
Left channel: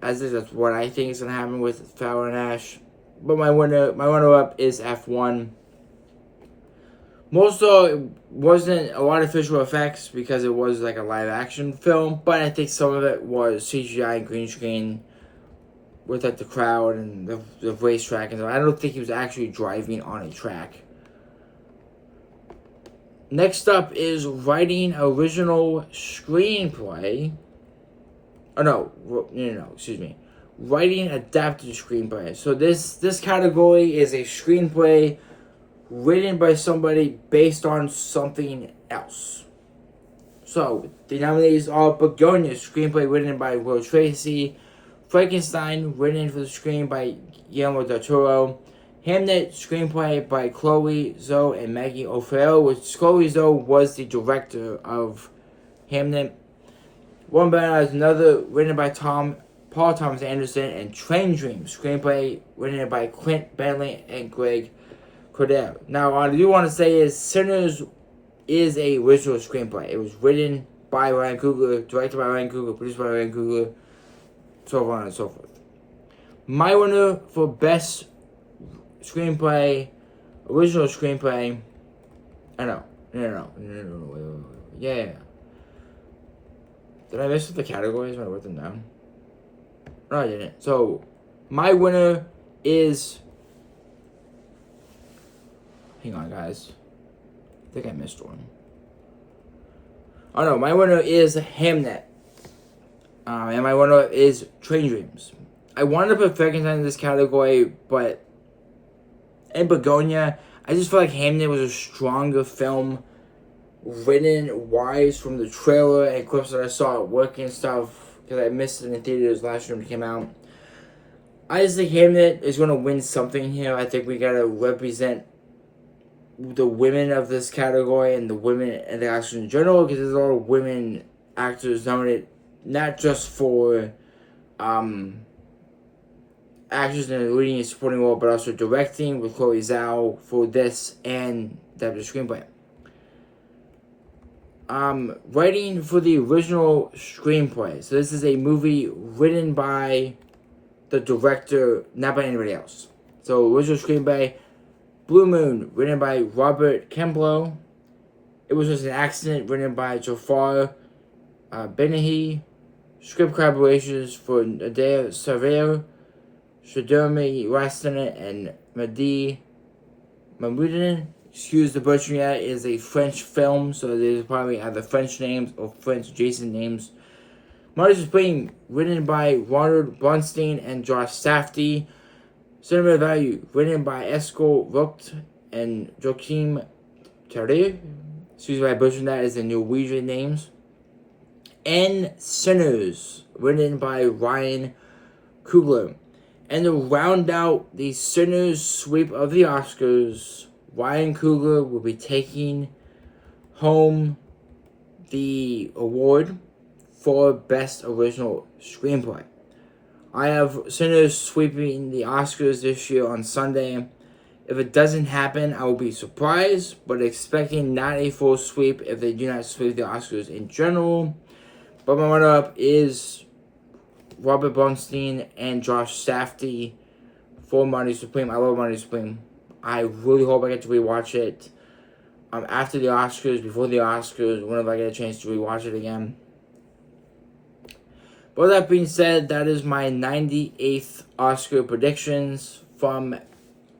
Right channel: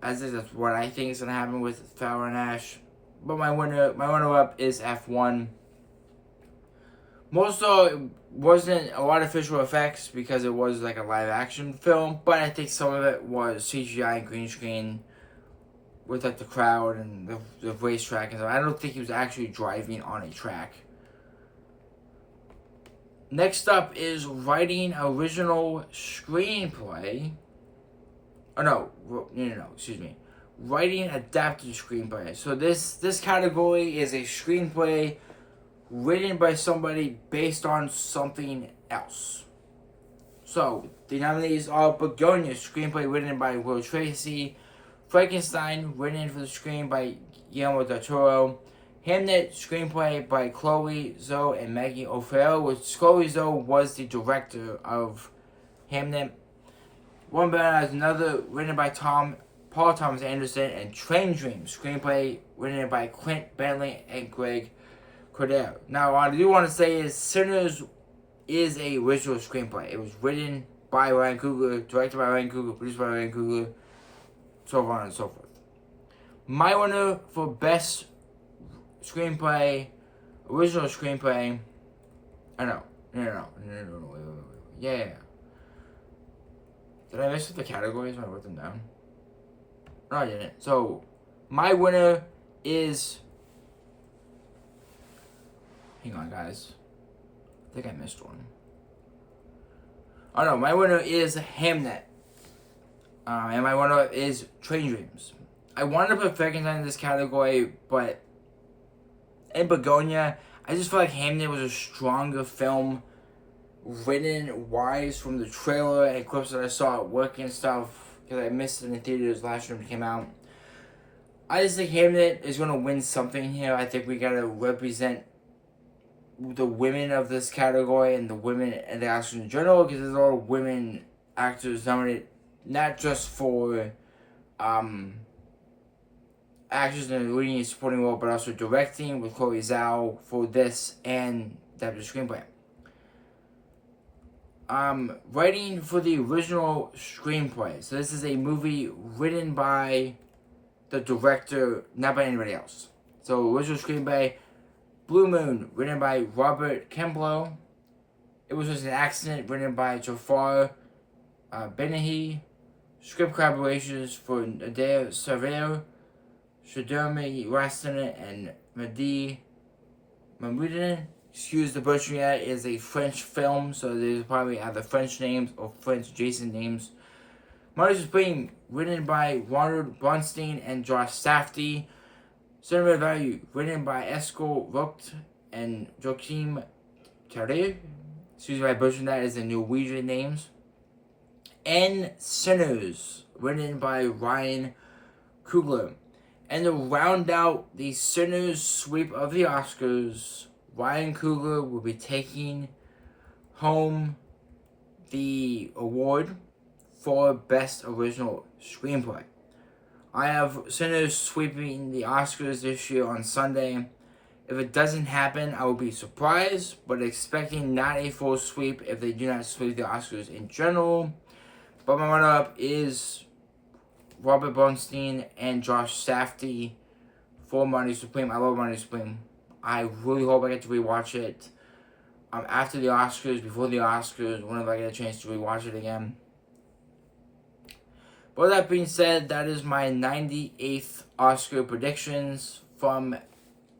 As that's what I think is going to happen with Fire and Ash. But my runner-up is F1. Most of it wasn't a lot of visual effects because it was like a live action film, but I think some of it was CGI and green screen with like the crowd and the racetrack and stuff. I don't think he was actually driving on a track. Next up is writing original screenplay. Oh no, excuse me. Writing adapted screenplay. So this category is a screenplay written by somebody based on something else. So, the nominees are Begonia, screenplay written by Will Tracy, Frankenstein, written for the screen by Guillermo del Toro, Hamnet, screenplay by Chloe Zhou and Maggie O'Farrell, which Chloe Zhou was the director of Hamnet. One Better as Another, written by Paul Thomas Anderson, and Train Dreams, screenplay written by Clint Bentley and Greg Cordell. Now, what I do want to say is Sinners is a original screenplay. It was written by Ryan Coogler, directed by Ryan Coogler, produced by Ryan Coogler, so on and so forth. My winner for best screenplay, original screenplay. No, wait. Yeah. Did I mess with the categories when I wrote them down? No, I didn't. So, my winner is... Hang on, guys. I think I missed one. Oh, no. My winner is Hamnet. And my winner is Train Dreams. I wanted to put Frankenstein in this category, but... And Begonia, I just feel like Hamnet was a stronger film, written wise from the trailer and clips that I saw at work and stuff, because I missed it in the theaters last year when it came out. I just think Hamnet is going to win something here. I think we got to represent the women of this category and the women and the actors in general, because there's a lot of women actors nominated, not just for actors in the leading and supporting role, but also directing with Chloe Zhao for this and adapted screenplay. Writing for the original screenplay. So this is a movie written by the director, not by anybody else. So original screenplay, Blue Moon, written by Robert Kemblo. It Was Just an Accident, written by Jafar Benahi. Script collaborations for Adair Saver, Shadurmi Rastanen, and Mehdi Mahmoudin. Excuse the butchering, that is a French film, so there's probably either French names or French adjacent names. Martyrs Spring, written by Ronald Bronstein and Josh Safdie. Cinema Value, written by Esko Vogt and Joachim Terre. Excuse me, I butchered that as the Norwegian names. and Sinners, written by Ryan Coogler. And to round out the Sinners sweep of the Oscars, Ryan Coogler will be taking home the award for Best Original Screenplay. I have Sinners sweeping the Oscars this year on Sunday. If it doesn't happen, I will be surprised, but expecting not a full sweep if they do not sweep the Oscars in general. But my runner-up is Robert Bernstein and Josh Safdie for Money Supreme. I love Money Supreme. I really hope I get to rewatch it after the Oscars, before the Oscars, whenever I get a chance to rewatch it again. But with that being said, that is my 98th Oscar predictions, from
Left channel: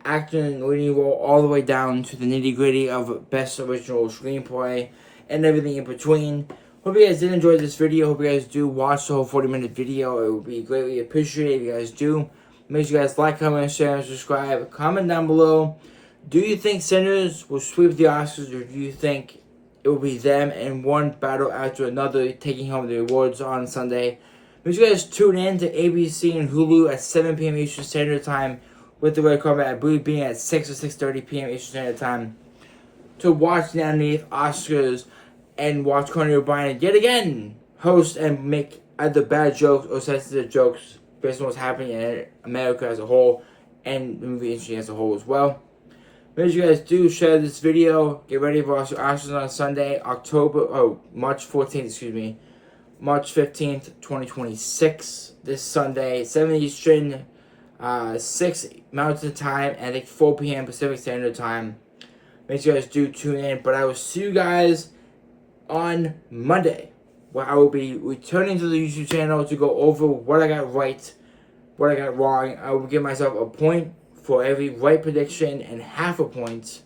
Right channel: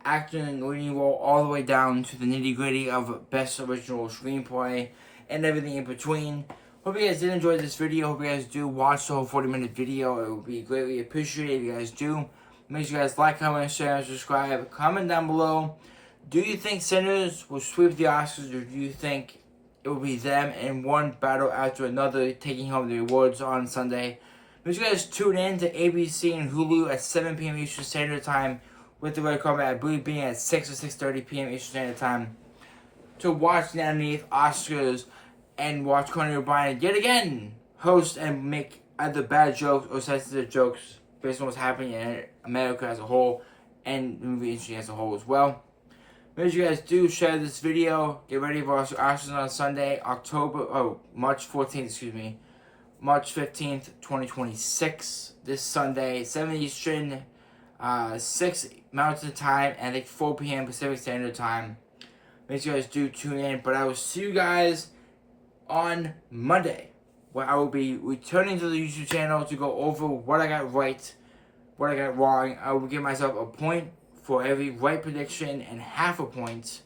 acting and leading role all the way down to the nitty-gritty of Best Original Screenplay and everything in between. Hope you guys did enjoy this video. Hope you guys do watch the whole 40-minute video. It would be greatly appreciated if you guys do. Make sure you guys like, comment, share, and subscribe. Comment down below. Do you think Sinners will sweep the Oscars, or do you think it will be them in one battle after another taking home the awards on Sunday? Make sure you guys tune in to ABC and Hulu at 7 p.m. Eastern Standard Time with the red carpet, I believe, being at 6 or 6:30 p.m. Eastern Standard Time to watch the 98th Oscars and watch Conan O'Brien yet again host and make either bad jokes or sensitive jokes based on what's happening in America as a whole and the movie industry as a whole as well. Make sure you guys do share this video. Get ready for our Oscars on Sunday, March 14th, March 15th, 2026. This Sunday, 7 Eastern, 6 Mountain Time, and I think 4 p.m. Pacific Standard Time. Make sure you guys do tune in. But I will see you guys on Monday, where I will be returning to the YouTube channel to go over what I got right, what I got wrong. I will give myself a point for every right prediction and half a point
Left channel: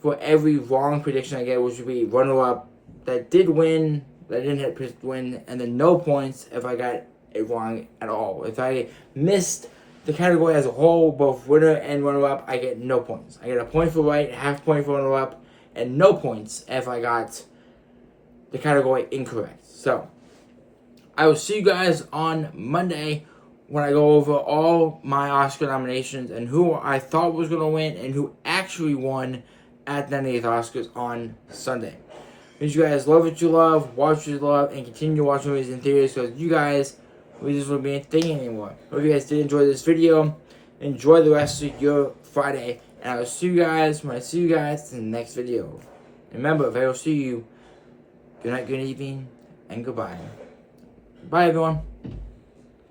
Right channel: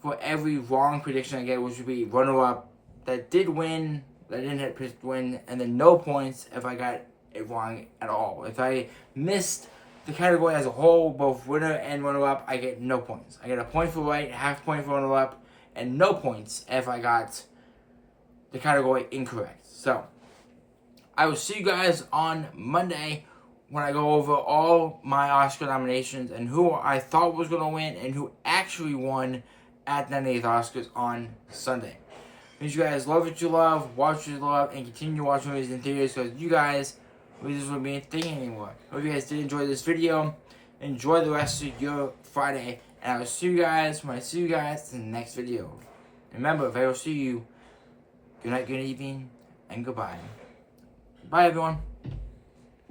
for every wrong prediction I get, which would be runner-up that did win, that didn't win, and then no points if I got it wrong at all. If I missed the category as a whole, both winner and runner-up, I get no points. I get a point for right, half point for runner-up, and no points if I got the category incorrect. So, I will see you guys on Monday when I go over all my Oscar nominations and who I thought was going to win and who actually won at the 98th Oscars on Sunday. Make sure you guys love what you love, watch what you love, and continue watching movies in theaters, because you guys, movies won't be a thing anymore. Hope you guys did enjoy this video. Enjoy the rest of your Friday, and I will see you guys when I see you guys in the next video. Remember, if I don't see you, good night, good evening, and goodbye. Bye, everyone.